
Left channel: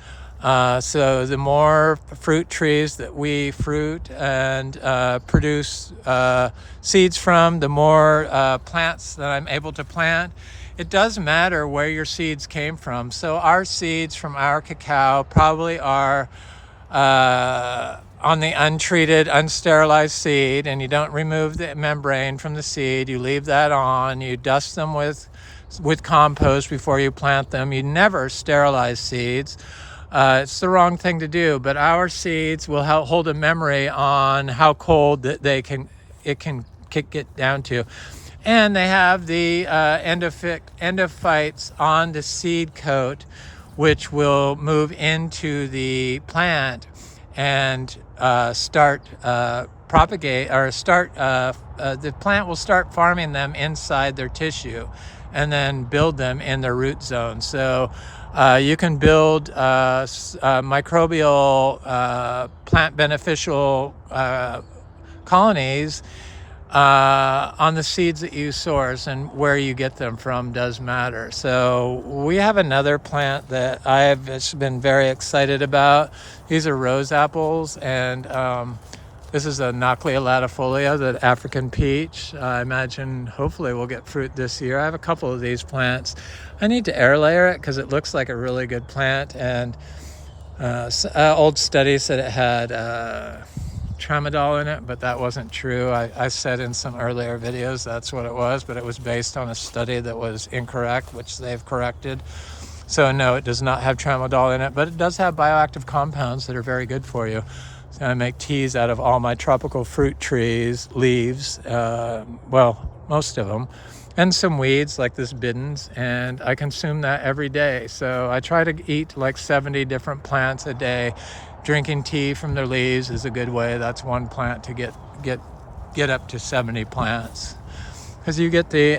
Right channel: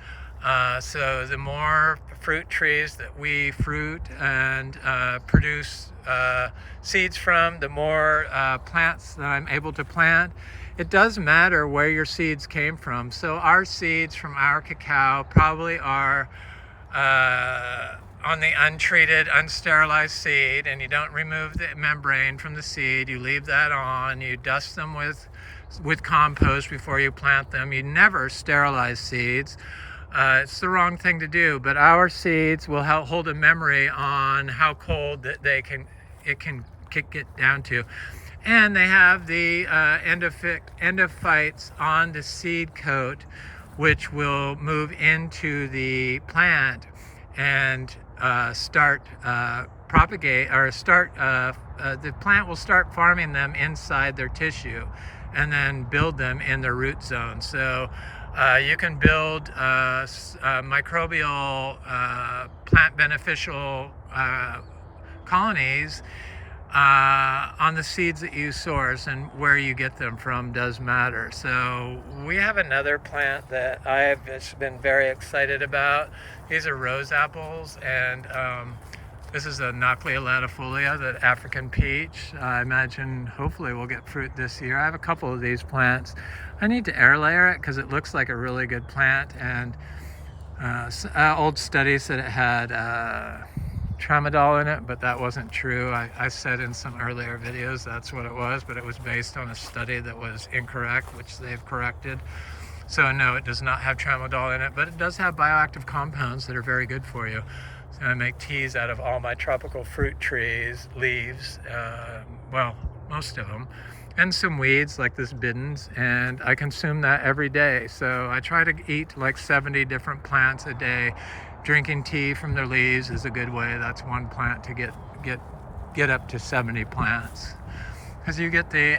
So the more fruit trees that we fruit and produce seeds from, the more plants that I'm able to plant. It does matter where your seeds came from. So our seeds from our cacao probably are on the untreated, unsterilized seed, and you don't remove the membrane from the seed. You leave that on. You dust them with compost before you plant them. You never sterilize seeds. It's the wrong thing to do, but our seeds will hold a memory on how cold that it can get down to. And they have the endophytes on the seed coat, which will move into the plant and the plant will start farming them inside their tissue and then build them in their root zone. So you can build microbial plant beneficial colonies on the seeds that you source, and where you get them from does matter. So we have another plant that I've just been very excited about. These are rose apples, and this is a Nochlea latifolia, the African peach. I imagine hopefully we'll get fruit this year. I have a couple of these plants. I need to air layer it because it looks like a really good plant, and old study said it had tramadol in it, but that wasn't true. I said in some earlier videos that's what it was, but it was based on a study that was incorrect, which they've corrected. So no, it does not have tramadol in it, but it does have bioactive compounds that are very good for you. So I make teas out of all my tropical fruit trees, leaves, well, most of them, and some weeds like this Biddens, and I consume that every day. So I try to eat like 70 different plants a day. Drinking tea from their leaves is a good way. That's one plant to get up to 70 plants, because you get the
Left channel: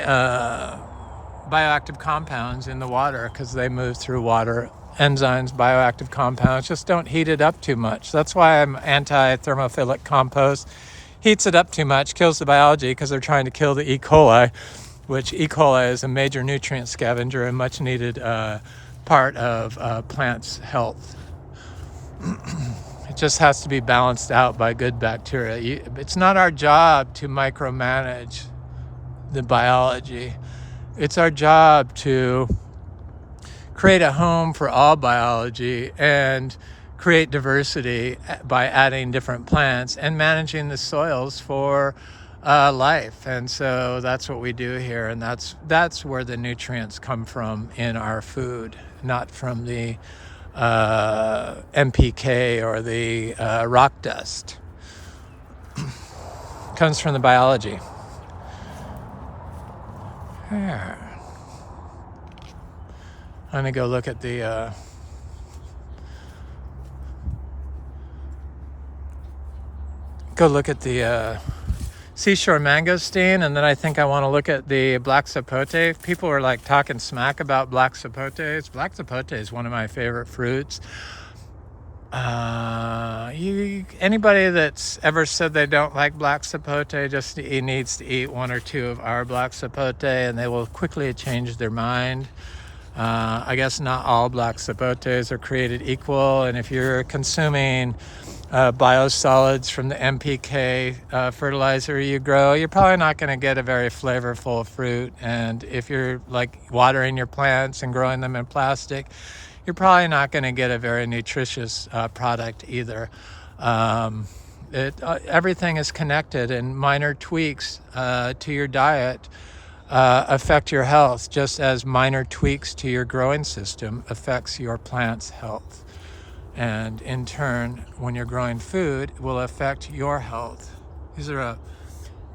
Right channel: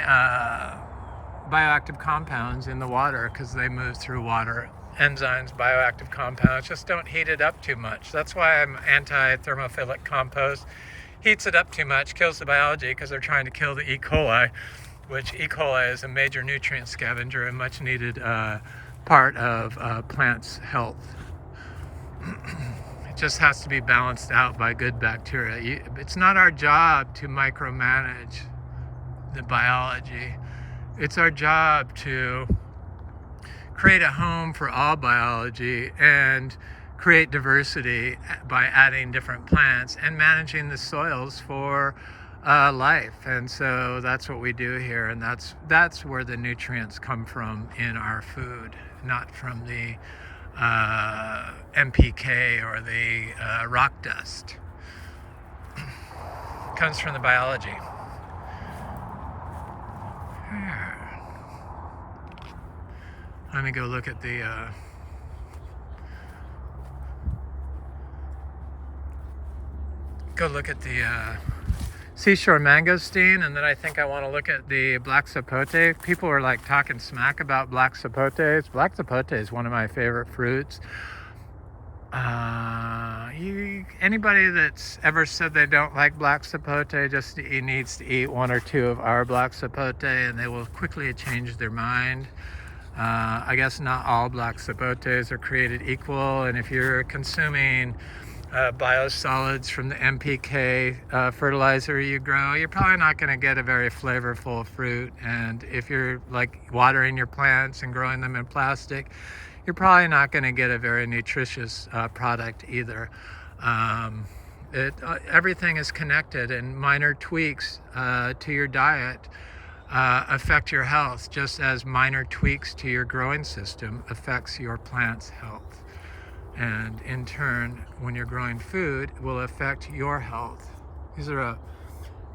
bioactive compounds in the water because they move through water enzymes, bioactive compounds. Just don't heat it up too much. That's why I'm anti-thermophilic compost. Heats it up too much, kills the biology, because they're trying to kill the E. coli, which E. coli is a major nutrient scavenger and much needed part of plants' health. It just has to be balanced out by good bacteria. It's not our job to micromanage the biology. It's our job to create a home for all biology and create diversity by adding different plants and managing the soils for life. And so that's what we do here, and that's where the nutrients come from in our food, not from the NPK or the rock dust. Comes from the biology. Yeah. Let me go look at the seashore mangosteen, and then I think I want to look at the black sapote. People are like talking smack about black sapotes. Black sapote is one of my favorite fruits. Anybody that's ever said they don't like black sapote just needs to eat one or two of our black sapote, and they will quickly change their mind. I guess not all black sapotes are created equal, and if you're consuming biosolids from the NPK fertilizer you grow, you're probably not going to get a very flavorful fruit. And if you're like watering your plants and growing them in plastic, you're probably not going to get a very nutritious product either. Everything is connected, and minor tweaks to your diet affect your health, just as minor tweaks to your growing system affects your plant's health. And in turn, when you're growing food, it will affect your health. These are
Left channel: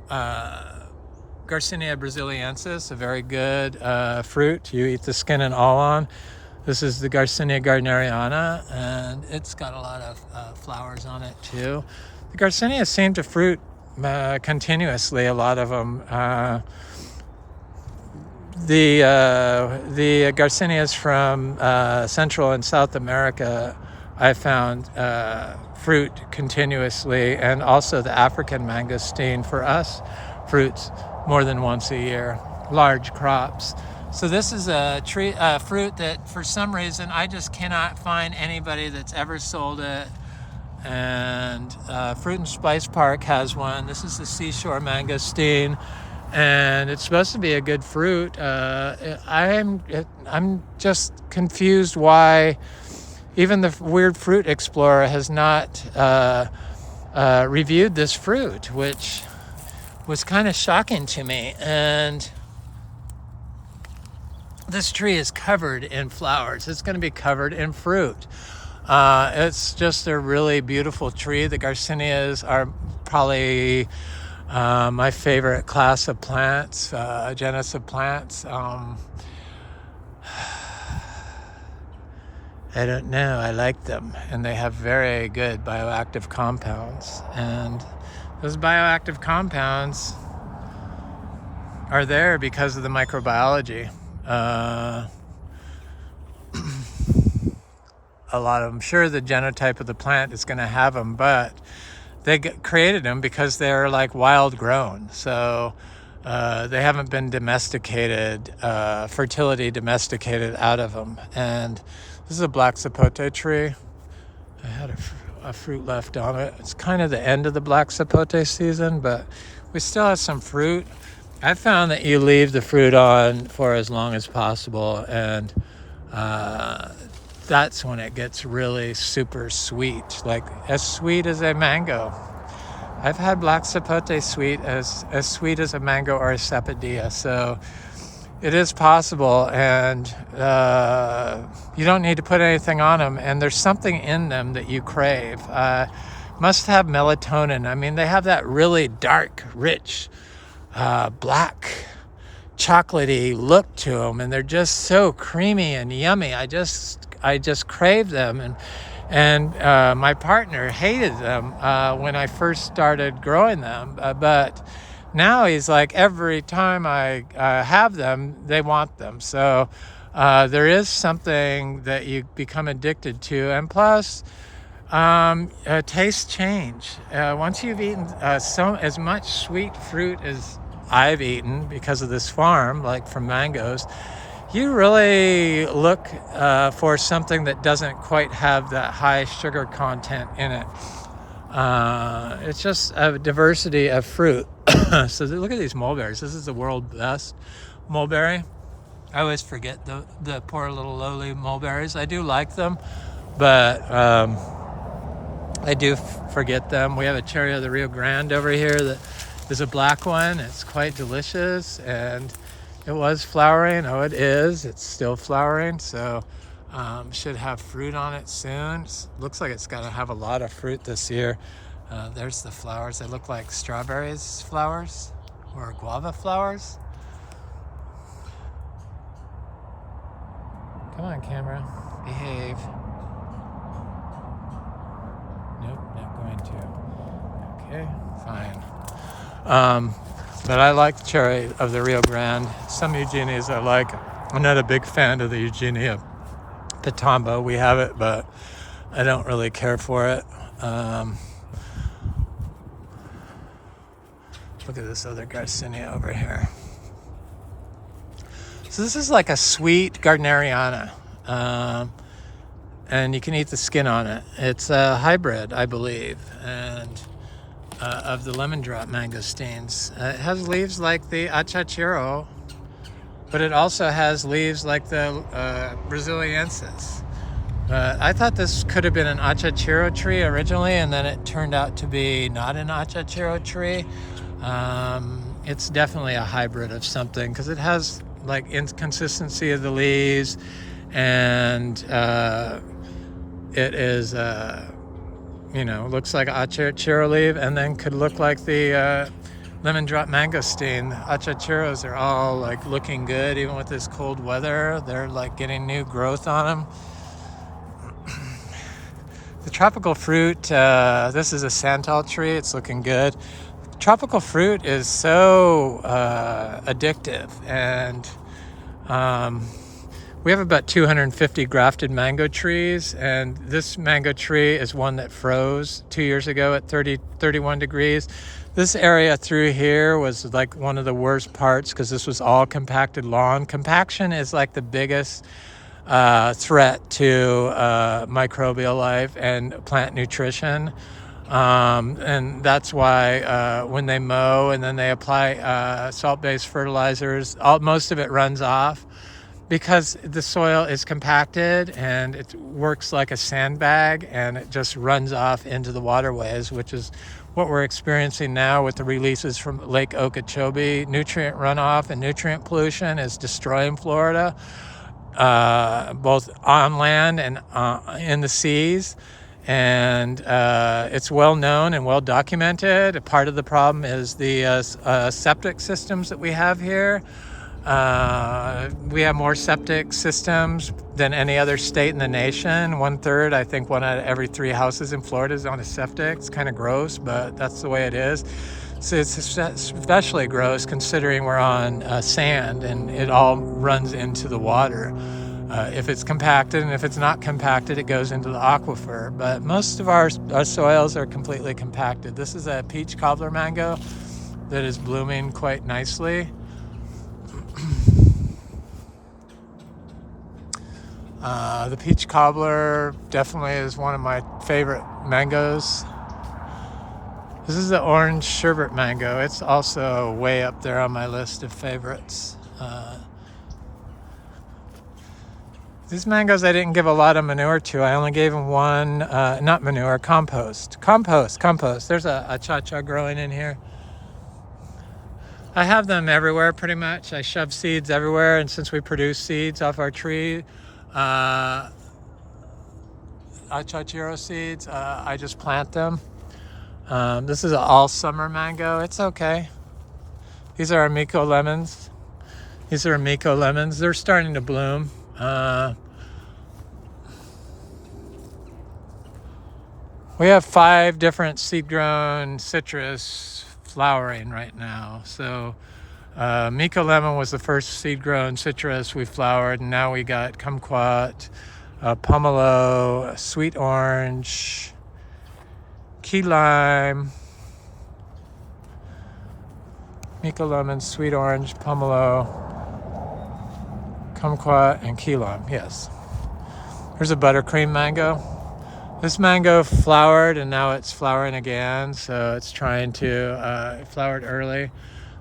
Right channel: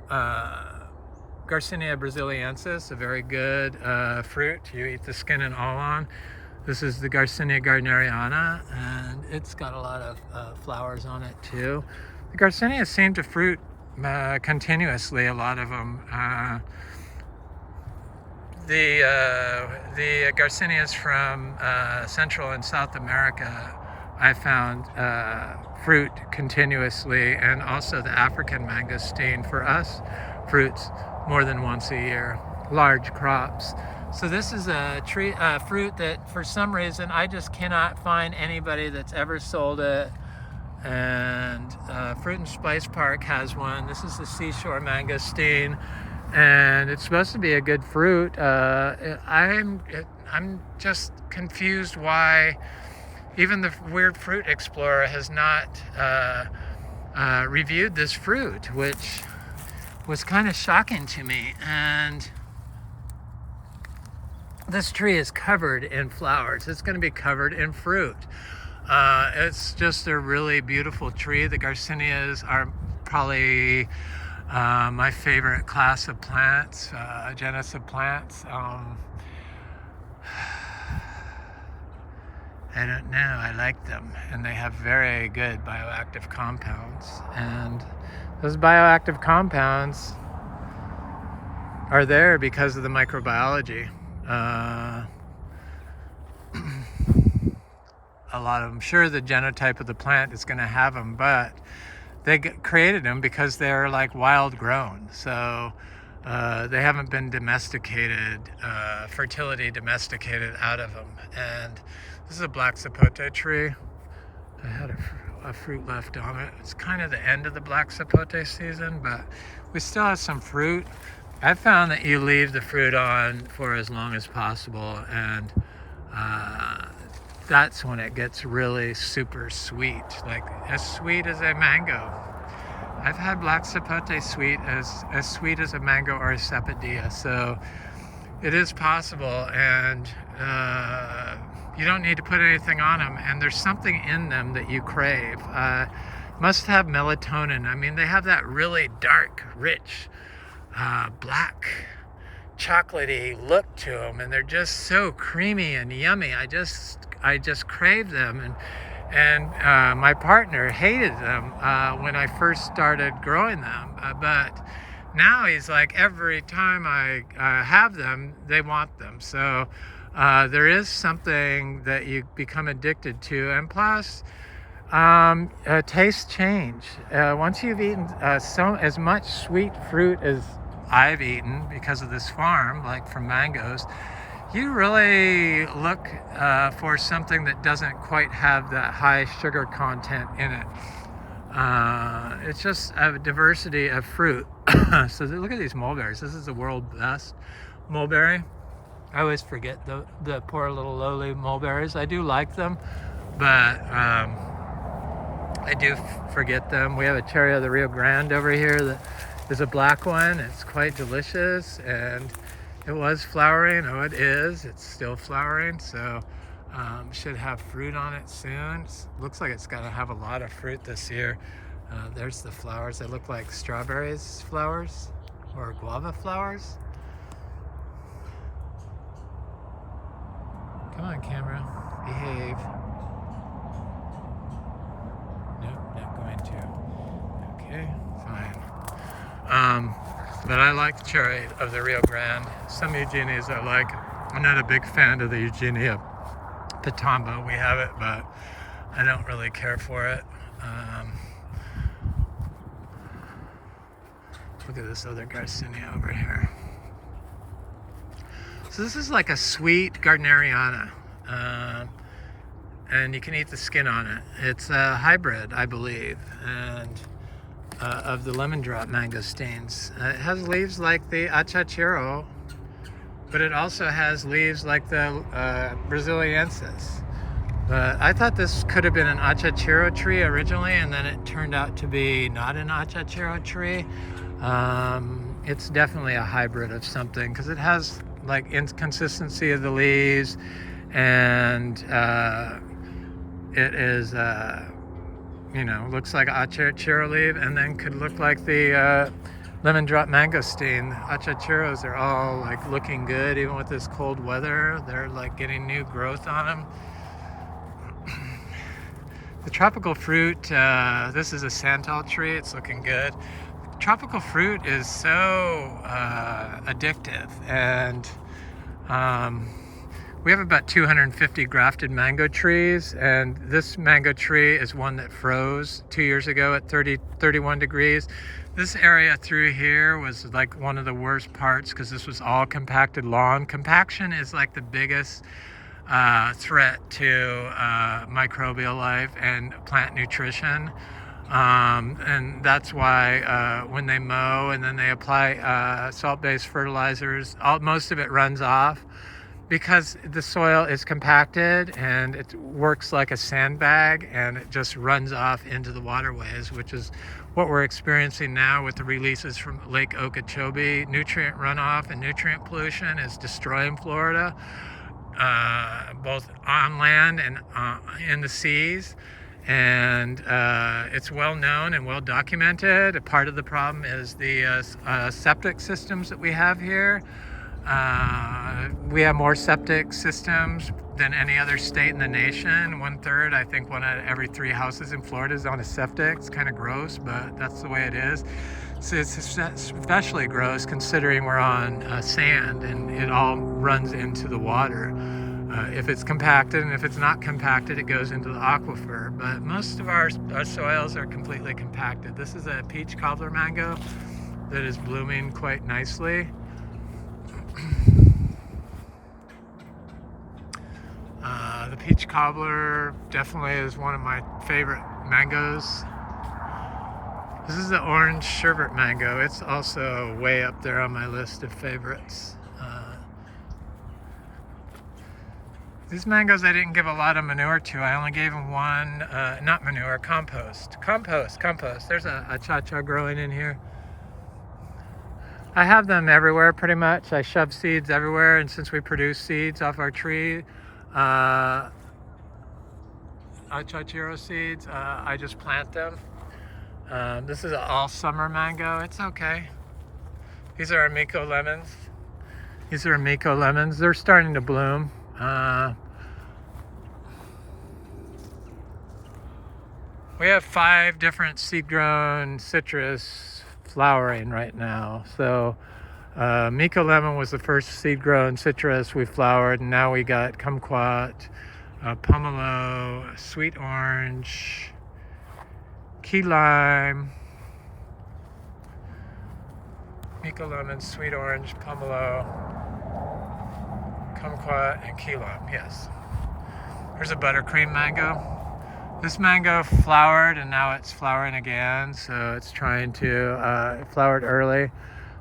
Garcinia brasiliensis, a very good fruit. You eat the skin and all on. This is the Garcinia gardneriana, and it's got a lot of flowers on it too. The Garcinia seem to fruit continuously, a lot of them. The Garcinias from Central and South America, I found fruit continuously, and also the African mangosteen for us fruits more than once a year, large crops. So this is a fruit that for some reason I just cannot find anybody that's ever sold it. And Fruit and Spice Park has one. This is the seashore mangosteen, and it's supposed to be a good fruit. I'm just confused why even the Weird Fruit Explorer has not reviewed this fruit, which was kind of shocking to me. And this tree is covered in flowers. It's going to be covered in fruit. It's just a really beautiful tree. The Garcinias are probably my favorite class of plants, genus of plants. I don't know, I like them, and they have very good bioactive compounds, and those bioactive compounds are there because of the microbiology. A lot of them, sure, the genotype of the plant is going to have them, but they created them because they're like wild grown, so they haven't been domesticated, fertility domesticated out of them. And this is a black sapote tree. I had a fruit left on it. It's kind of the end of the black sapote season, but we still have some fruit. I found that you leave the fruit on for as long as possible, and that's when it gets really super sweet, like as sweet as a mango. I've had black sapote sweet as sweet as a mango or a sapodilla, so it is possible, and you don't need to put anything on them, and there's something in them that you crave. Must have melatonin. I mean, they have that really dark, rich, black, chocolatey look to them, and they're just so creamy and yummy. I just crave them, and my partner hated them when I first started growing them, but now he's like, every time I have them, they want them. So there is something that you become addicted to, and plus taste change. Once you've eaten as much sweet fruit as I've eaten because of this farm, like from mangoes, you really look for something that doesn't quite have that high sugar content in it. It's just a diversity of fruit. So look at these mulberries. This is the world's best mulberry. I always forget the poor little lowly mulberries. I do like them, but I do forget them. We have a cherry of the Rio Grande over here that is a black one. It's quite delicious, and it was flowering. Oh, it is. It's still flowering, so should have fruit on it soon. Looks like it's going to have a lot of fruit this year. There's the flowers. They look like strawberries flowers or guava flowers. Come on, camera. Behave. Nope, not going to. Okay, fine. But I like the cherry of the Rio Grande. Some Eugenias I like. I'm not a big fan of the Eugenia Pitombo. We have it, but I don't really care for it. Look at this other Garcinia over here. So this is like a sweet Gardneriana. And you can eat the skin on it. It's a hybrid, I believe, and of the lemon drop mangosteens. It has leaves like the Achachiro, but it also has leaves like the Braziliensis. But I thought this could have been an Achachiro tree originally, and then it turned out to be not an Achachiro tree. It's definitely a hybrid of something because it has like inconsistency of the leaves, and it is looks like Achachiro leaf, and then could look like the lemon drop mangosteen. Achachiros are all like looking good even with this cold weather. They're like getting new growth on them. The tropical fruit, this is a santal tree. It's looking good. Tropical fruit is so addictive, and we have about 250 grafted mango trees, and this mango tree is one that froze 2 years ago at 31 degrees. This area through here was like one of the worst parts because this was all compacted lawn. Compaction is like the biggest threat to microbial life and plant nutrition. And that's why when they mow and then they apply salt-based fertilizers, most of it runs off because the soil is compacted and it works like a sandbag, and it just runs off into the waterways, which is what we're experiencing now with the releases from Lake Okeechobee. Nutrient runoff and nutrient pollution is destroying Florida, both on land and in the seas. And it's well known and well documented. A part of the problem is the septic systems that we have here. We have more septic systems than any other state in the nation. 1/3, I think one out of every 3 houses in Florida is on a septic. It's kind of gross, but that's the way it is. So it's especially gross considering we're on sand and it all runs into the water. If it's compacted, and if it's not compacted, it goes into the aquifer. But most of our soils are completely compacted. This is a peach cobbler mango that is blooming quite nicely. The peach cobbler definitely is one of my favorite mangoes. This is the orange sherbet mango. It's also way up there on my list of favorites. These mangoes I didn't give a lot of manure to. I only gave them one, not manure, compost. Compost. There's a cha-cha growing in here. I have them everywhere pretty much. I shove seeds everywhere, and since we produce seeds off our tree, Achachiro seeds, I just plant them. This is an all summer mango. It's okay. These are Amico lemons. They're starting to bloom. We have 5 different seed-grown citrus flowering right now. So Miko lemon was the first seed-grown citrus we flowered, and now we got kumquat, pomelo, sweet orange, key lime, Miko lemon, sweet orange, pomelo, kumquat, and key lime. Yes. Here's a buttercream mango. This mango flowered and now it's flowering again, so it's trying to, it flowered early.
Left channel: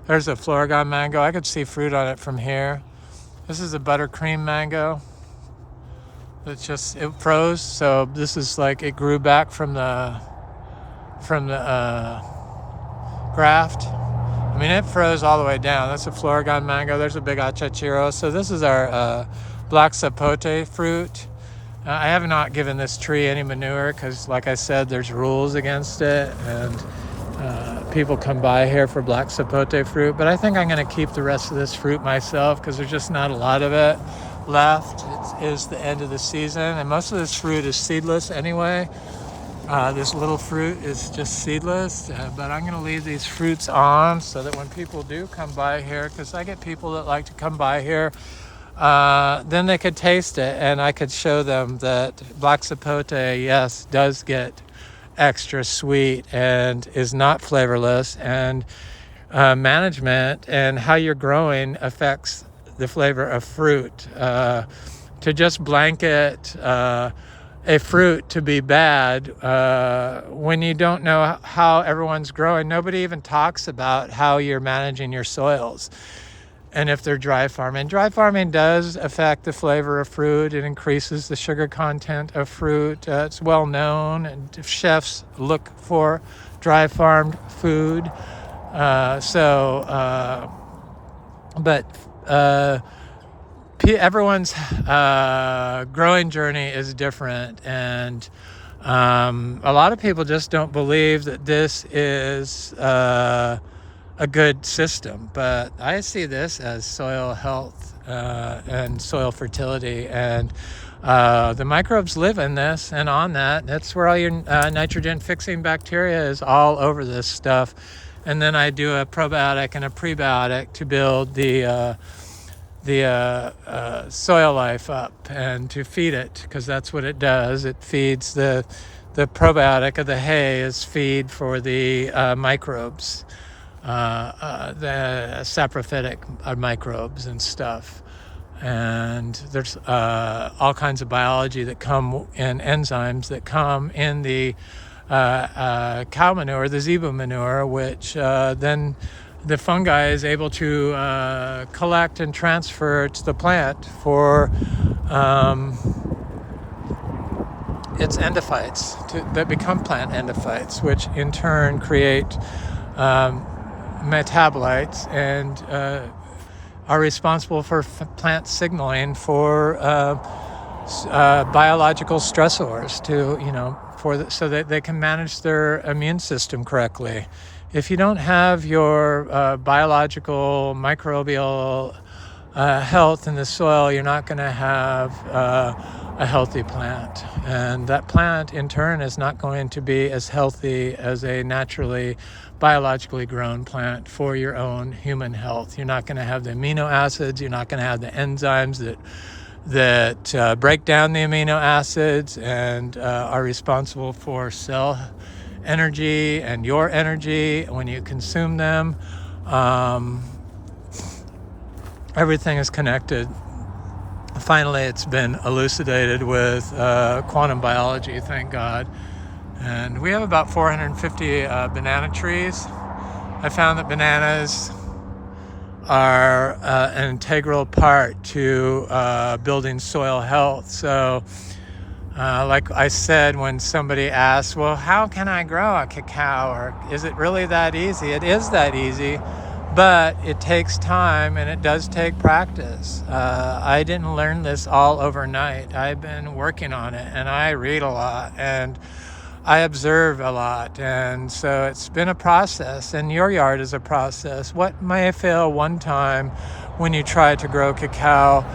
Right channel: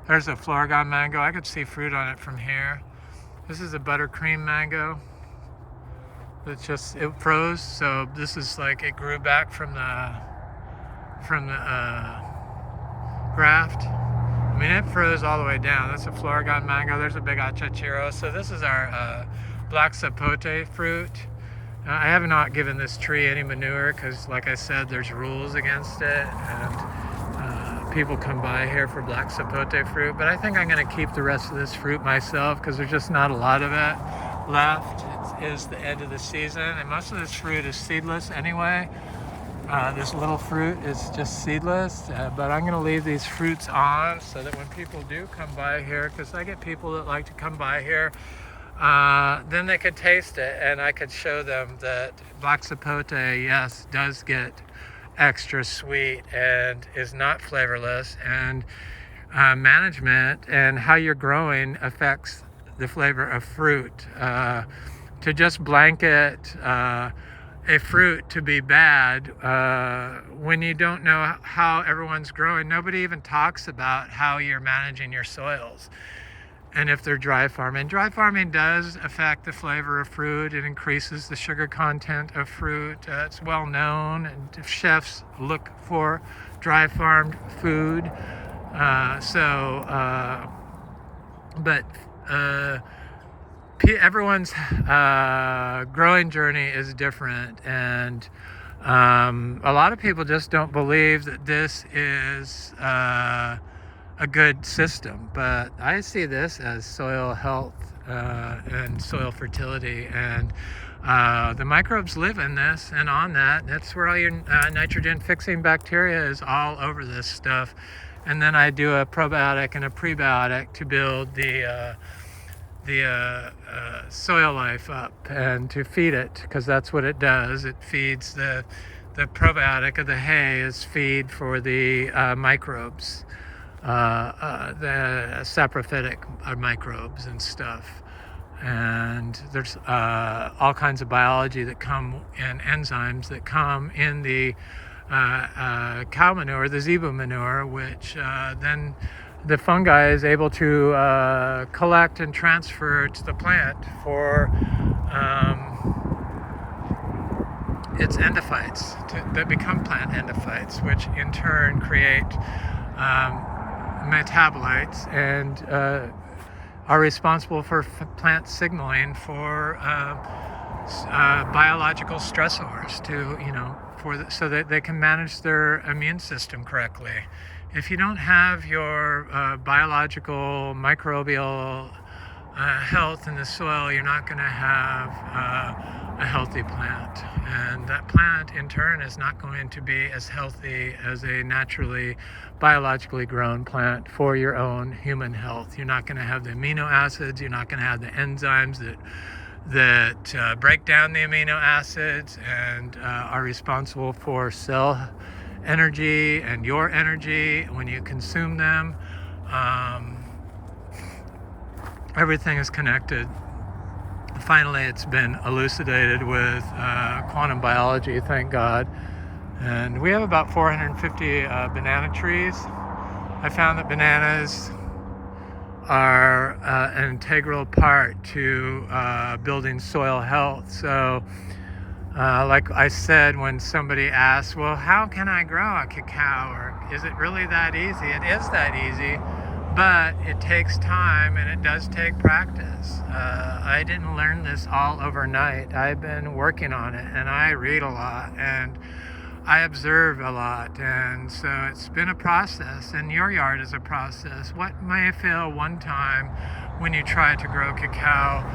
There's a Longan mango. I could see fruit on it from here. This is a buttercream mango. It's just, it froze, so this is like, it grew back from the graft. I mean, it froze all the way down. That's a Longan mango. There's a big achachiro. So this is our black sapote fruit. I have not given this tree any manure because, like I said, there's rules against it, and people come by here for black sapote fruit. But I think I'm going to keep the rest of this fruit myself because there's just not a lot of it left. It is the end of the season, and most of this fruit is seedless anyway. This little fruit is just seedless, but I'm going to leave these fruits on so that when people do come by here, because I get people that like to come by here, then they could taste it, and I could show them that black sapote, yes, does get extra sweet and is not flavorless, and management and how you're growing affects the flavor of fruit. To just blanket a fruit to be bad when you don't know how everyone's growing. Nobody even talks about how you're managing your soils and if they're dry farming. Dry farming does affect the flavor of fruit. It increases the sugar content of fruit. It's well known, and chefs look for dry farmed food. Everyone's growing journey is different, and a lot of people just don't believe that this is a good system, but I see this as soil health and soil fertility, and the microbes live in this and on that. That's where all your nitrogen fixing bacteria is, all over this stuff. And then I do a probiotic and a prebiotic to build the soil life up and to feed it, because that's what it does. It feeds the probiotic of the hay is feed for the microbes, the saprophytic microbes and stuff. And there's all kinds of biology that come in, enzymes that come in the cow manure, the Zebu manure, which then the fungi is able to collect and transfer to the plant for its endophytes that become plant endophytes, which in turn create metabolites and are responsible for plant signaling for biological stressors so that they can manage their immune system correctly. If you don't have your biological microbial health in the soil, you're not going to have a healthy plant. And that plant, in turn, is not going to be as healthy as a naturally, biologically grown plant for your own human health. You're not going to have the amino acids. You're not going to have the enzymes that break down the amino acids and are responsible for cell energy and your energy when you consume them. Everything is connected. Finally, it's been elucidated with quantum biology, thank God. And we have about 450 banana trees. I found that bananas are an integral part to building soil health. So like I said, when somebody asks, well, how can I grow a cacao, or is it really that easy? It is that easy, but it takes time and it does take practice. I didn't learn this all overnight. I've been working on it, and I read a lot and I observe a lot, and so it's been a process, and your yard is a process. What may fail one time when you try to grow cacao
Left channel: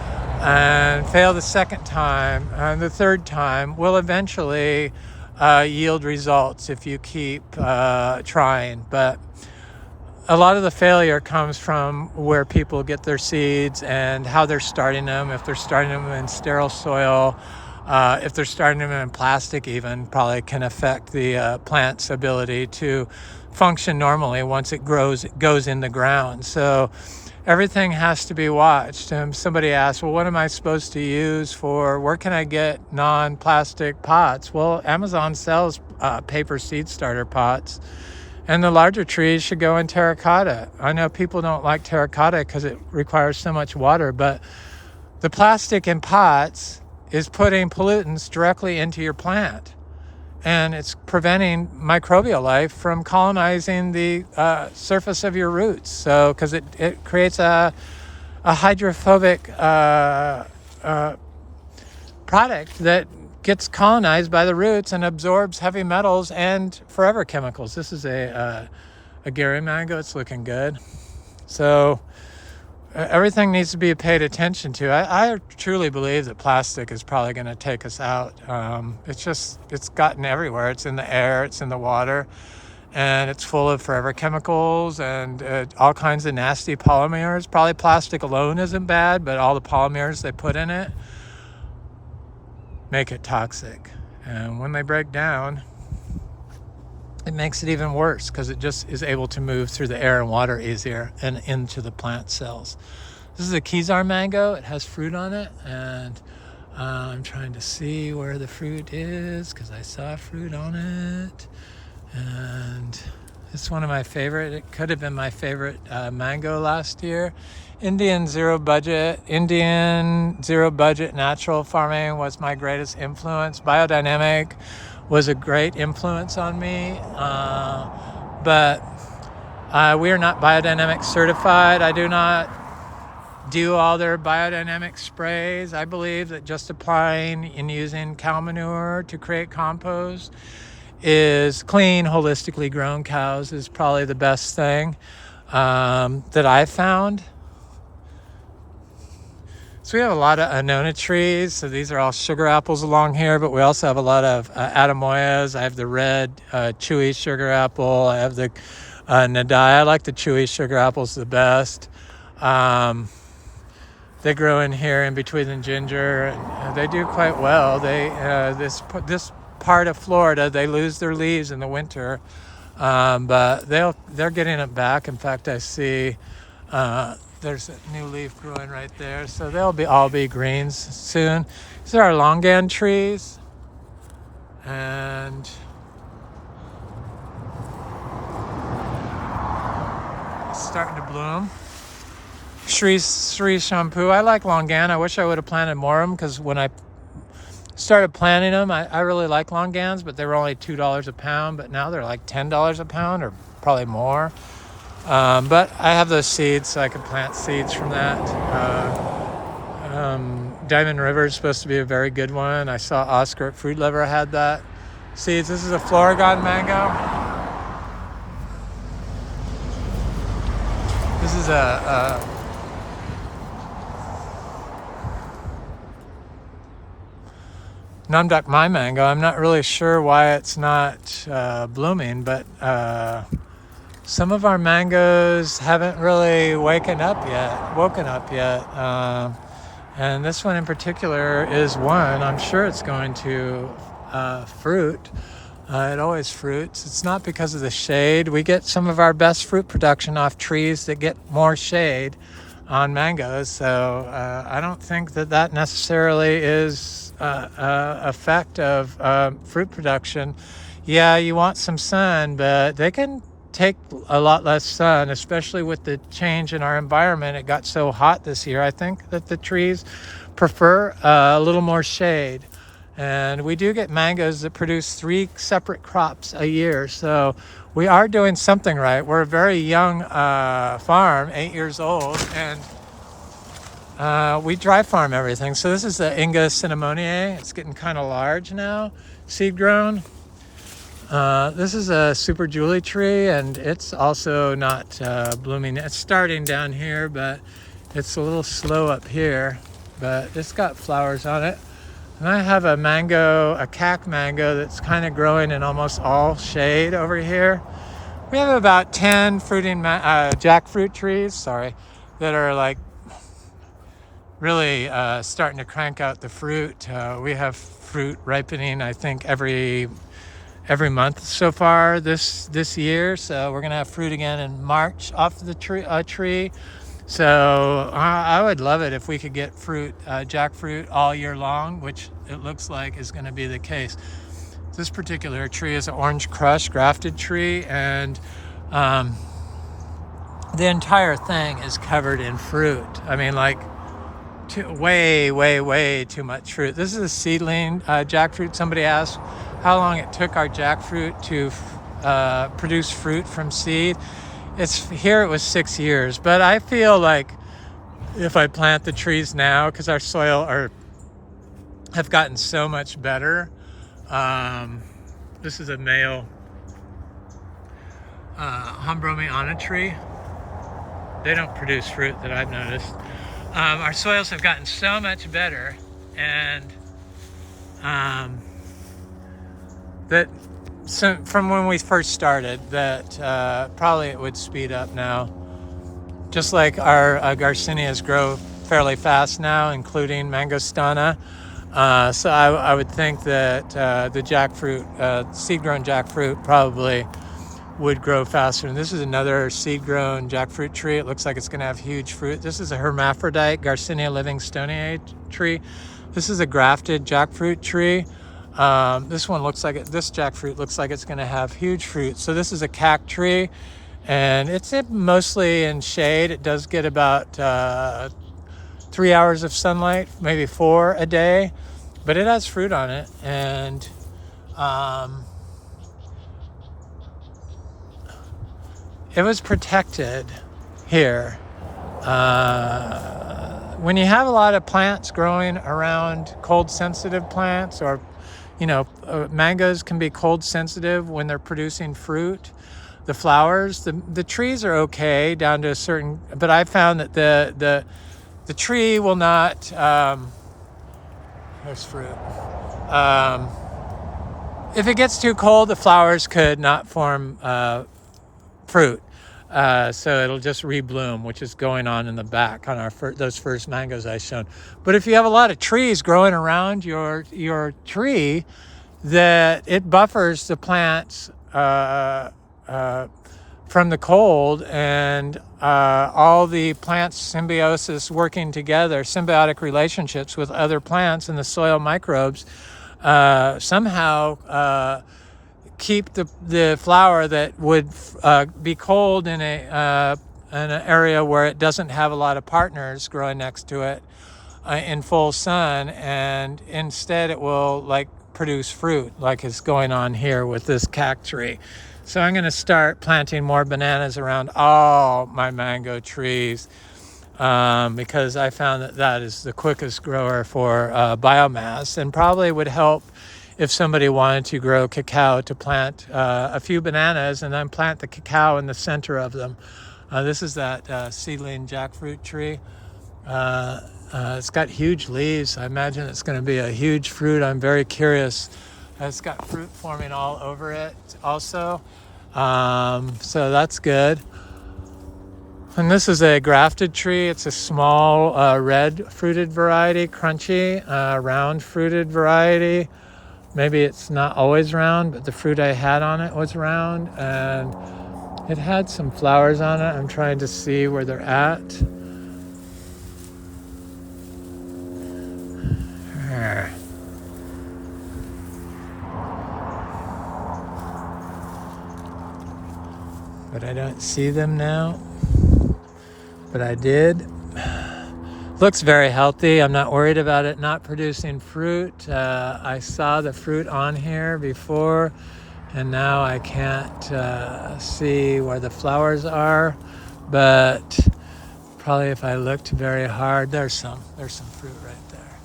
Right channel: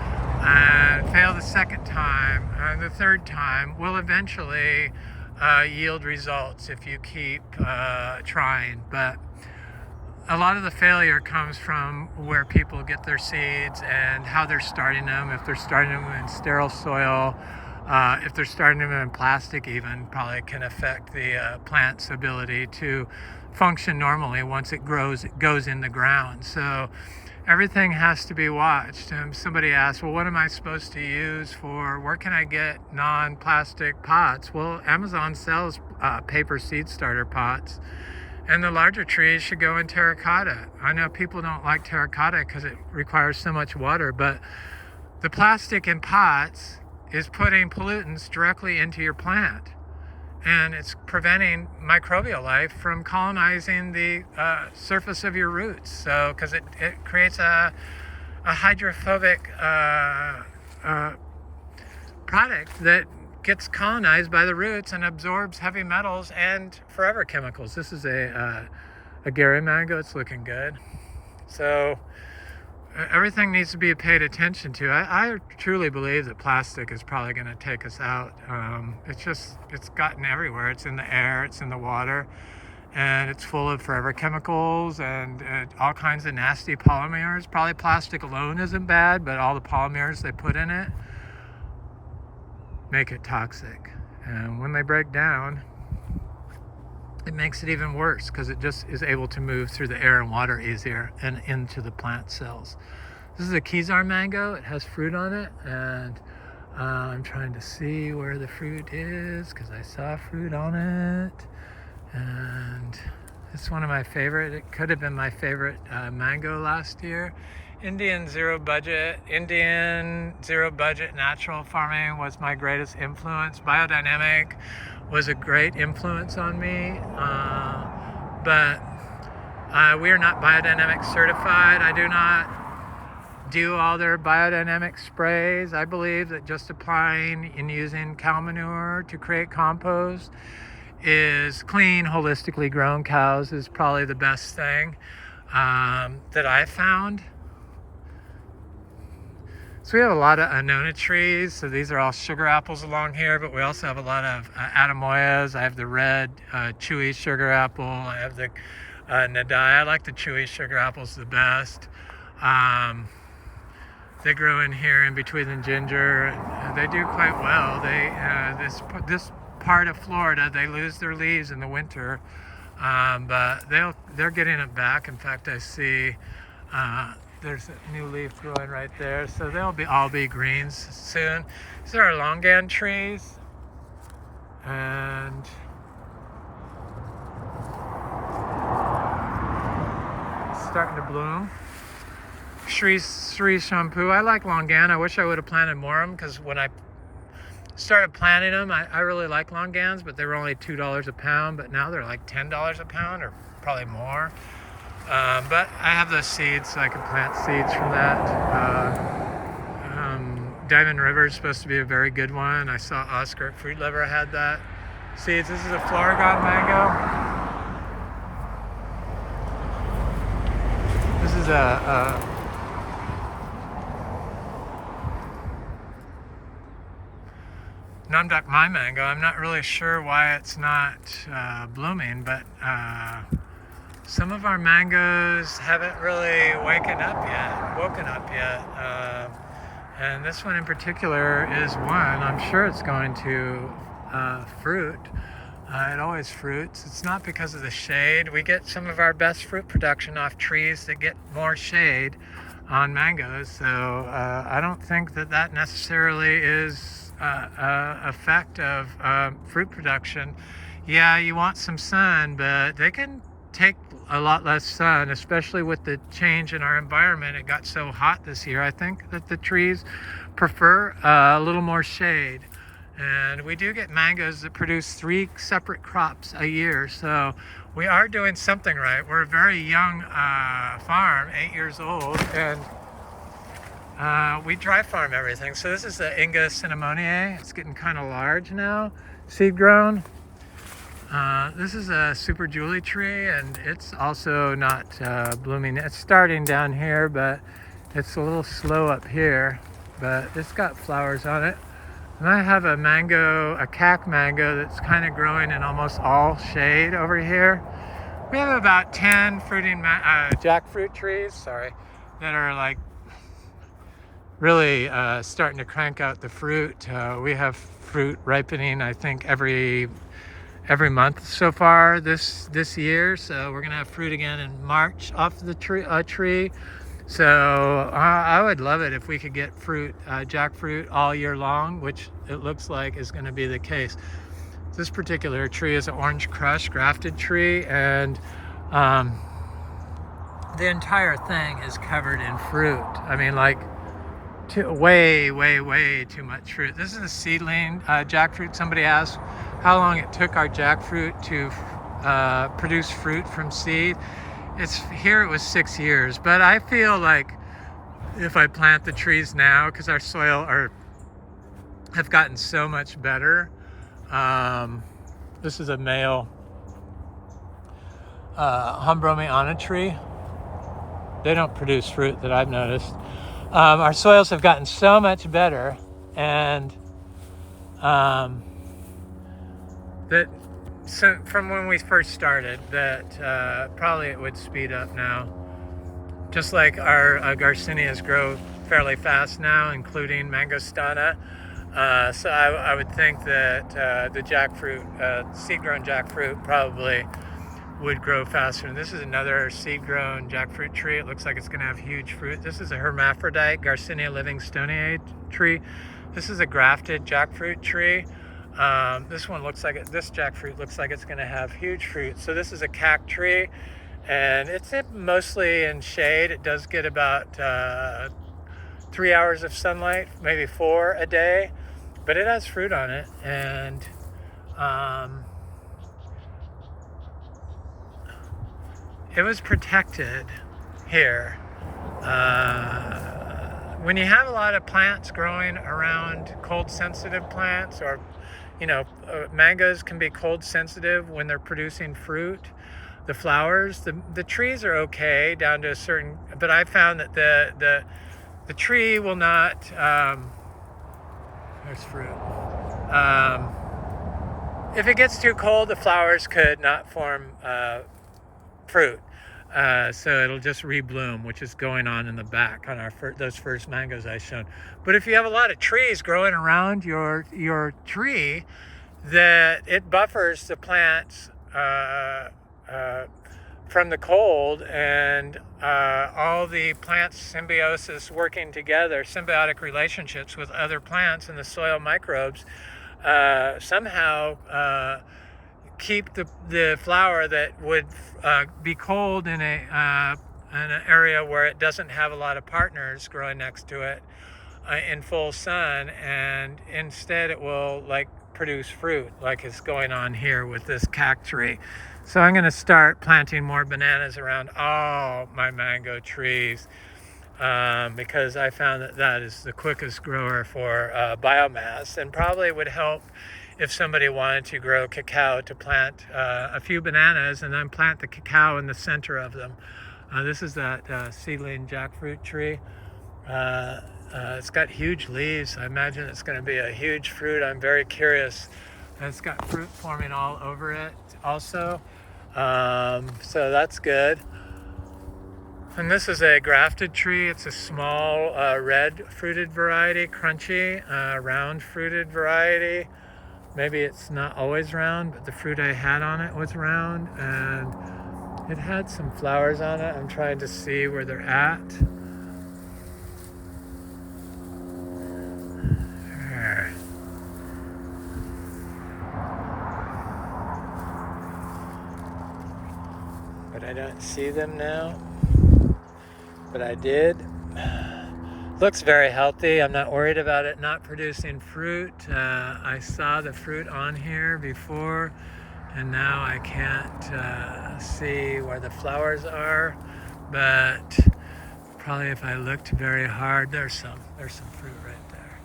and fail the second time, and the third time will eventually yield results if you keep trying. But a lot of the failure comes from where people get their seeds and how they're starting them. If they're starting them in sterile soil, if they're starting them in plastic even, probably can affect the plant's ability to function normally once it grows, it goes in the ground. So everything has to be watched. Somebody asked, well, what am I supposed to use for, where can I get non-plastic pots? Well, Amazon sells paper seed starter pots, and the larger trees should go in terracotta. I know people don't like terracotta because it requires so much water, but the plastic in pots is putting pollutants directly into your plant, and it's preventing microbial life from colonizing the surface of your roots. So, because it creates a hydrophobic product that gets colonized by the roots and absorbs heavy metals and forever chemicals. This is a Gary mango. It's looking good. So everything needs to be paid attention to. I truly believe that plastic is probably going to take us out. It's gotten everywhere. It's in the air, it's in the water, and it's full of forever chemicals and all kinds of nasty polymers. Probably plastic alone isn't bad, but all the polymers they put in it make it toxic. And when they break down, it makes it even worse because it just is able to move through the air and water easier and into the plant cells. This is a Kezar mango. It has fruit on it, and I'm trying to see where the fruit is because I saw fruit on it. And it's one of my favorite. It could have been my favorite mango last year. Indian zero budget natural farming was my greatest influence. Biodynamic was a great influence on me, but we are not biodynamic certified. I do not do all their biodynamic sprays. I believe that just applying and using cow manure to create compost is clean, holistically grown cows is probably the best thing that I found. So we have a lot of annona trees. So these are all sugar apples along here, but we also have a lot of adamoyas. I have the red chewy sugar apple. I have the nadai. I like the chewy sugar apples the best. They grow in here in between the ginger. They do quite well. They this part of Florida, they lose their leaves in the winter, but they're getting it back. In fact, I see there's a new leaf growing right there, so they'll all be greens soon. These are our Longan trees, and it's starting to bloom. Sri shampoo. I like Longan. I wish I would have planted more of them because when I started planting them, I really like Longans, but they were only $2 a pound, but now they're like $10 a pound or probably more. But I have those seeds, so I can plant seeds from that. Diamond River is supposed to be a very good one. I saw Oscar at Fruit Lover had that seeds. This is a Florigon mango. This is a Namduk my mango. I'm not really sure why it's not blooming, but some of our mangoes haven't really woken up yet. And this one in particular is one. I'm sure it's going to fruit. It always fruits. It's not because of the shade. We get some of our best fruit production off trees that get more shade on mangoes. So I don't think that necessarily is effect of fruit production. Yeah, you want some sun, but they can take a lot less sun, especially with the change in our environment. It got so hot this year. I think that the trees prefer a little more shade. And we do get mangoes that produce 3 separate crops a year. So we are doing something right. We're a very young farm, 8 years old, and we dry farm everything. So this is the Inga cinnamoniae. It's getting kind of large now, seed grown. This is a Super Julie tree, and it's also not blooming. It's starting down here, but it's a little slow up here. But it's got flowers on it. And I have a mango, a cac mango that's kind of growing in almost all shade over here. We have about 10 fruiting jackfruit trees, sorry, that are like really starting to crank out the fruit. We have fruit ripening, I think, every month so far this year. So we're gonna have fruit again in March off the tree. So I would love it if we could get fruit, jackfruit all year long, which it looks like is going to be the case. This particular tree is an orange crush grafted tree, and the entire thing is covered in fruit. I mean, like way too much fruit. This is a seedling jackfruit. Somebody asked how long it took our jackfruit to produce fruit from seed. It was 6 years, but I feel like if I plant the trees now, because our soil have gotten so much better. This is a male Hombromiana tree. They don't produce fruit that I've noticed. Our soils have gotten so much better, and that from when we first started, that probably it would speed up now. Just like our Garcinias grow fairly fast now, including Mangostana. So I would think that the jackfruit, seed-grown jackfruit, probably would grow faster. And this is another seed-grown jackfruit tree. It looks like it's going to have huge fruit. This is a hermaphrodite Garcinia livingstoniae tree. This is a grafted jackfruit tree. This jackfruit looks like it's going to have huge fruit. So this is a cac tree, and it's mostly in shade. It does get about 3 hours of sunlight, maybe 4 a day, but it has fruit on it. And it was protected here. When you have a lot of plants growing around cold sensitive plants, or mangoes can be cold sensitive when they're producing fruit. The flowers, the trees are okay down to a certain, but I found that the tree will not, there's fruit. If it gets too cold, the flowers could not form fruit. So it'll just rebloom, which is going on in the back on those first mangoes I showed. But if you have a lot of trees growing around your tree, that it buffers the plants from the cold, and all the plants symbiosis working together, symbiotic relationships with other plants and the soil microbes, somehow keep the flower that would be cold in an area where it doesn't have a lot of partners growing next to it in full sun, and instead it will produce fruit, like is going on here with this cac tree. So I'm going to start planting more bananas around all my mango trees, because I found that is the quickest grower for biomass, and probably would help if somebody wanted to grow cacao, to plant a few bananas and then plant the cacao in the center of them. This is that seedling jackfruit tree. It's got huge leaves. I imagine it's going to be a huge fruit. I'm very curious. It's got fruit forming all over it also. So that's good. And this is a grafted tree. It's a small red fruited variety, crunchy, round fruited variety. Maybe it's not always round, but the fruit I had on it was round, and it had some flowers on it. I'm trying to see where they're at. But I don't see them now. But I did. Looks very healthy. I'm not worried about it not producing fruit. I saw the fruit on here before, and now I can't see where the flowers are, but probably if I looked very hard, there's some fruit right there.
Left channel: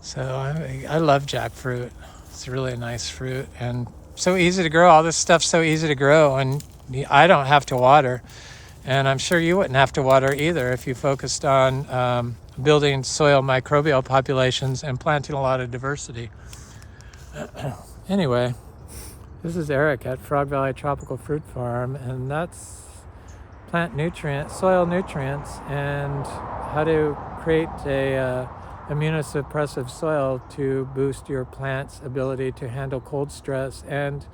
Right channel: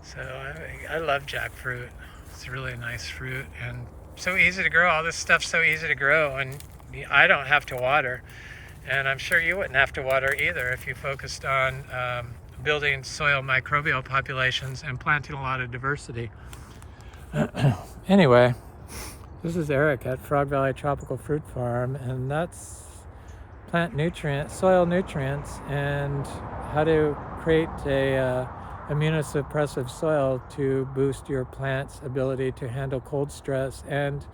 So I love jackfruit. It's really a nice fruit and so easy to grow. All this stuff's so easy to grow, and I don't have to water, and I'm sure you wouldn't have to water either if you focused on building soil microbial populations and planting a lot of diversity. Anyway, this is Eric at Frog Valley Tropical Fruit Farm, and that's plant nutrients, soil nutrients, and how to create a immunosuppressive soil to boost your plant's ability to handle cold stress and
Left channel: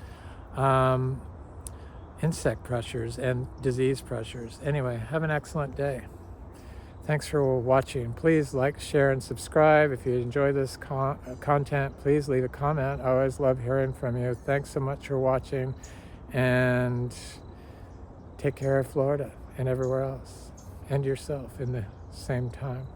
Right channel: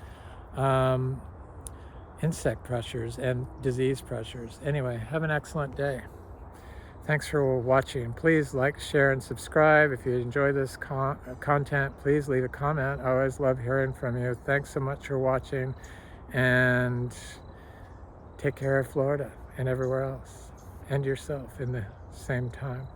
insect pressures and disease pressures. Anyway, have an excellent day. Thanks for watching. Please like, share, and subscribe. If you enjoy this content, please leave a comment. I always love hearing from you. Thanks so much for watching, and take care of Florida and everywhere else, and yourself in the same time.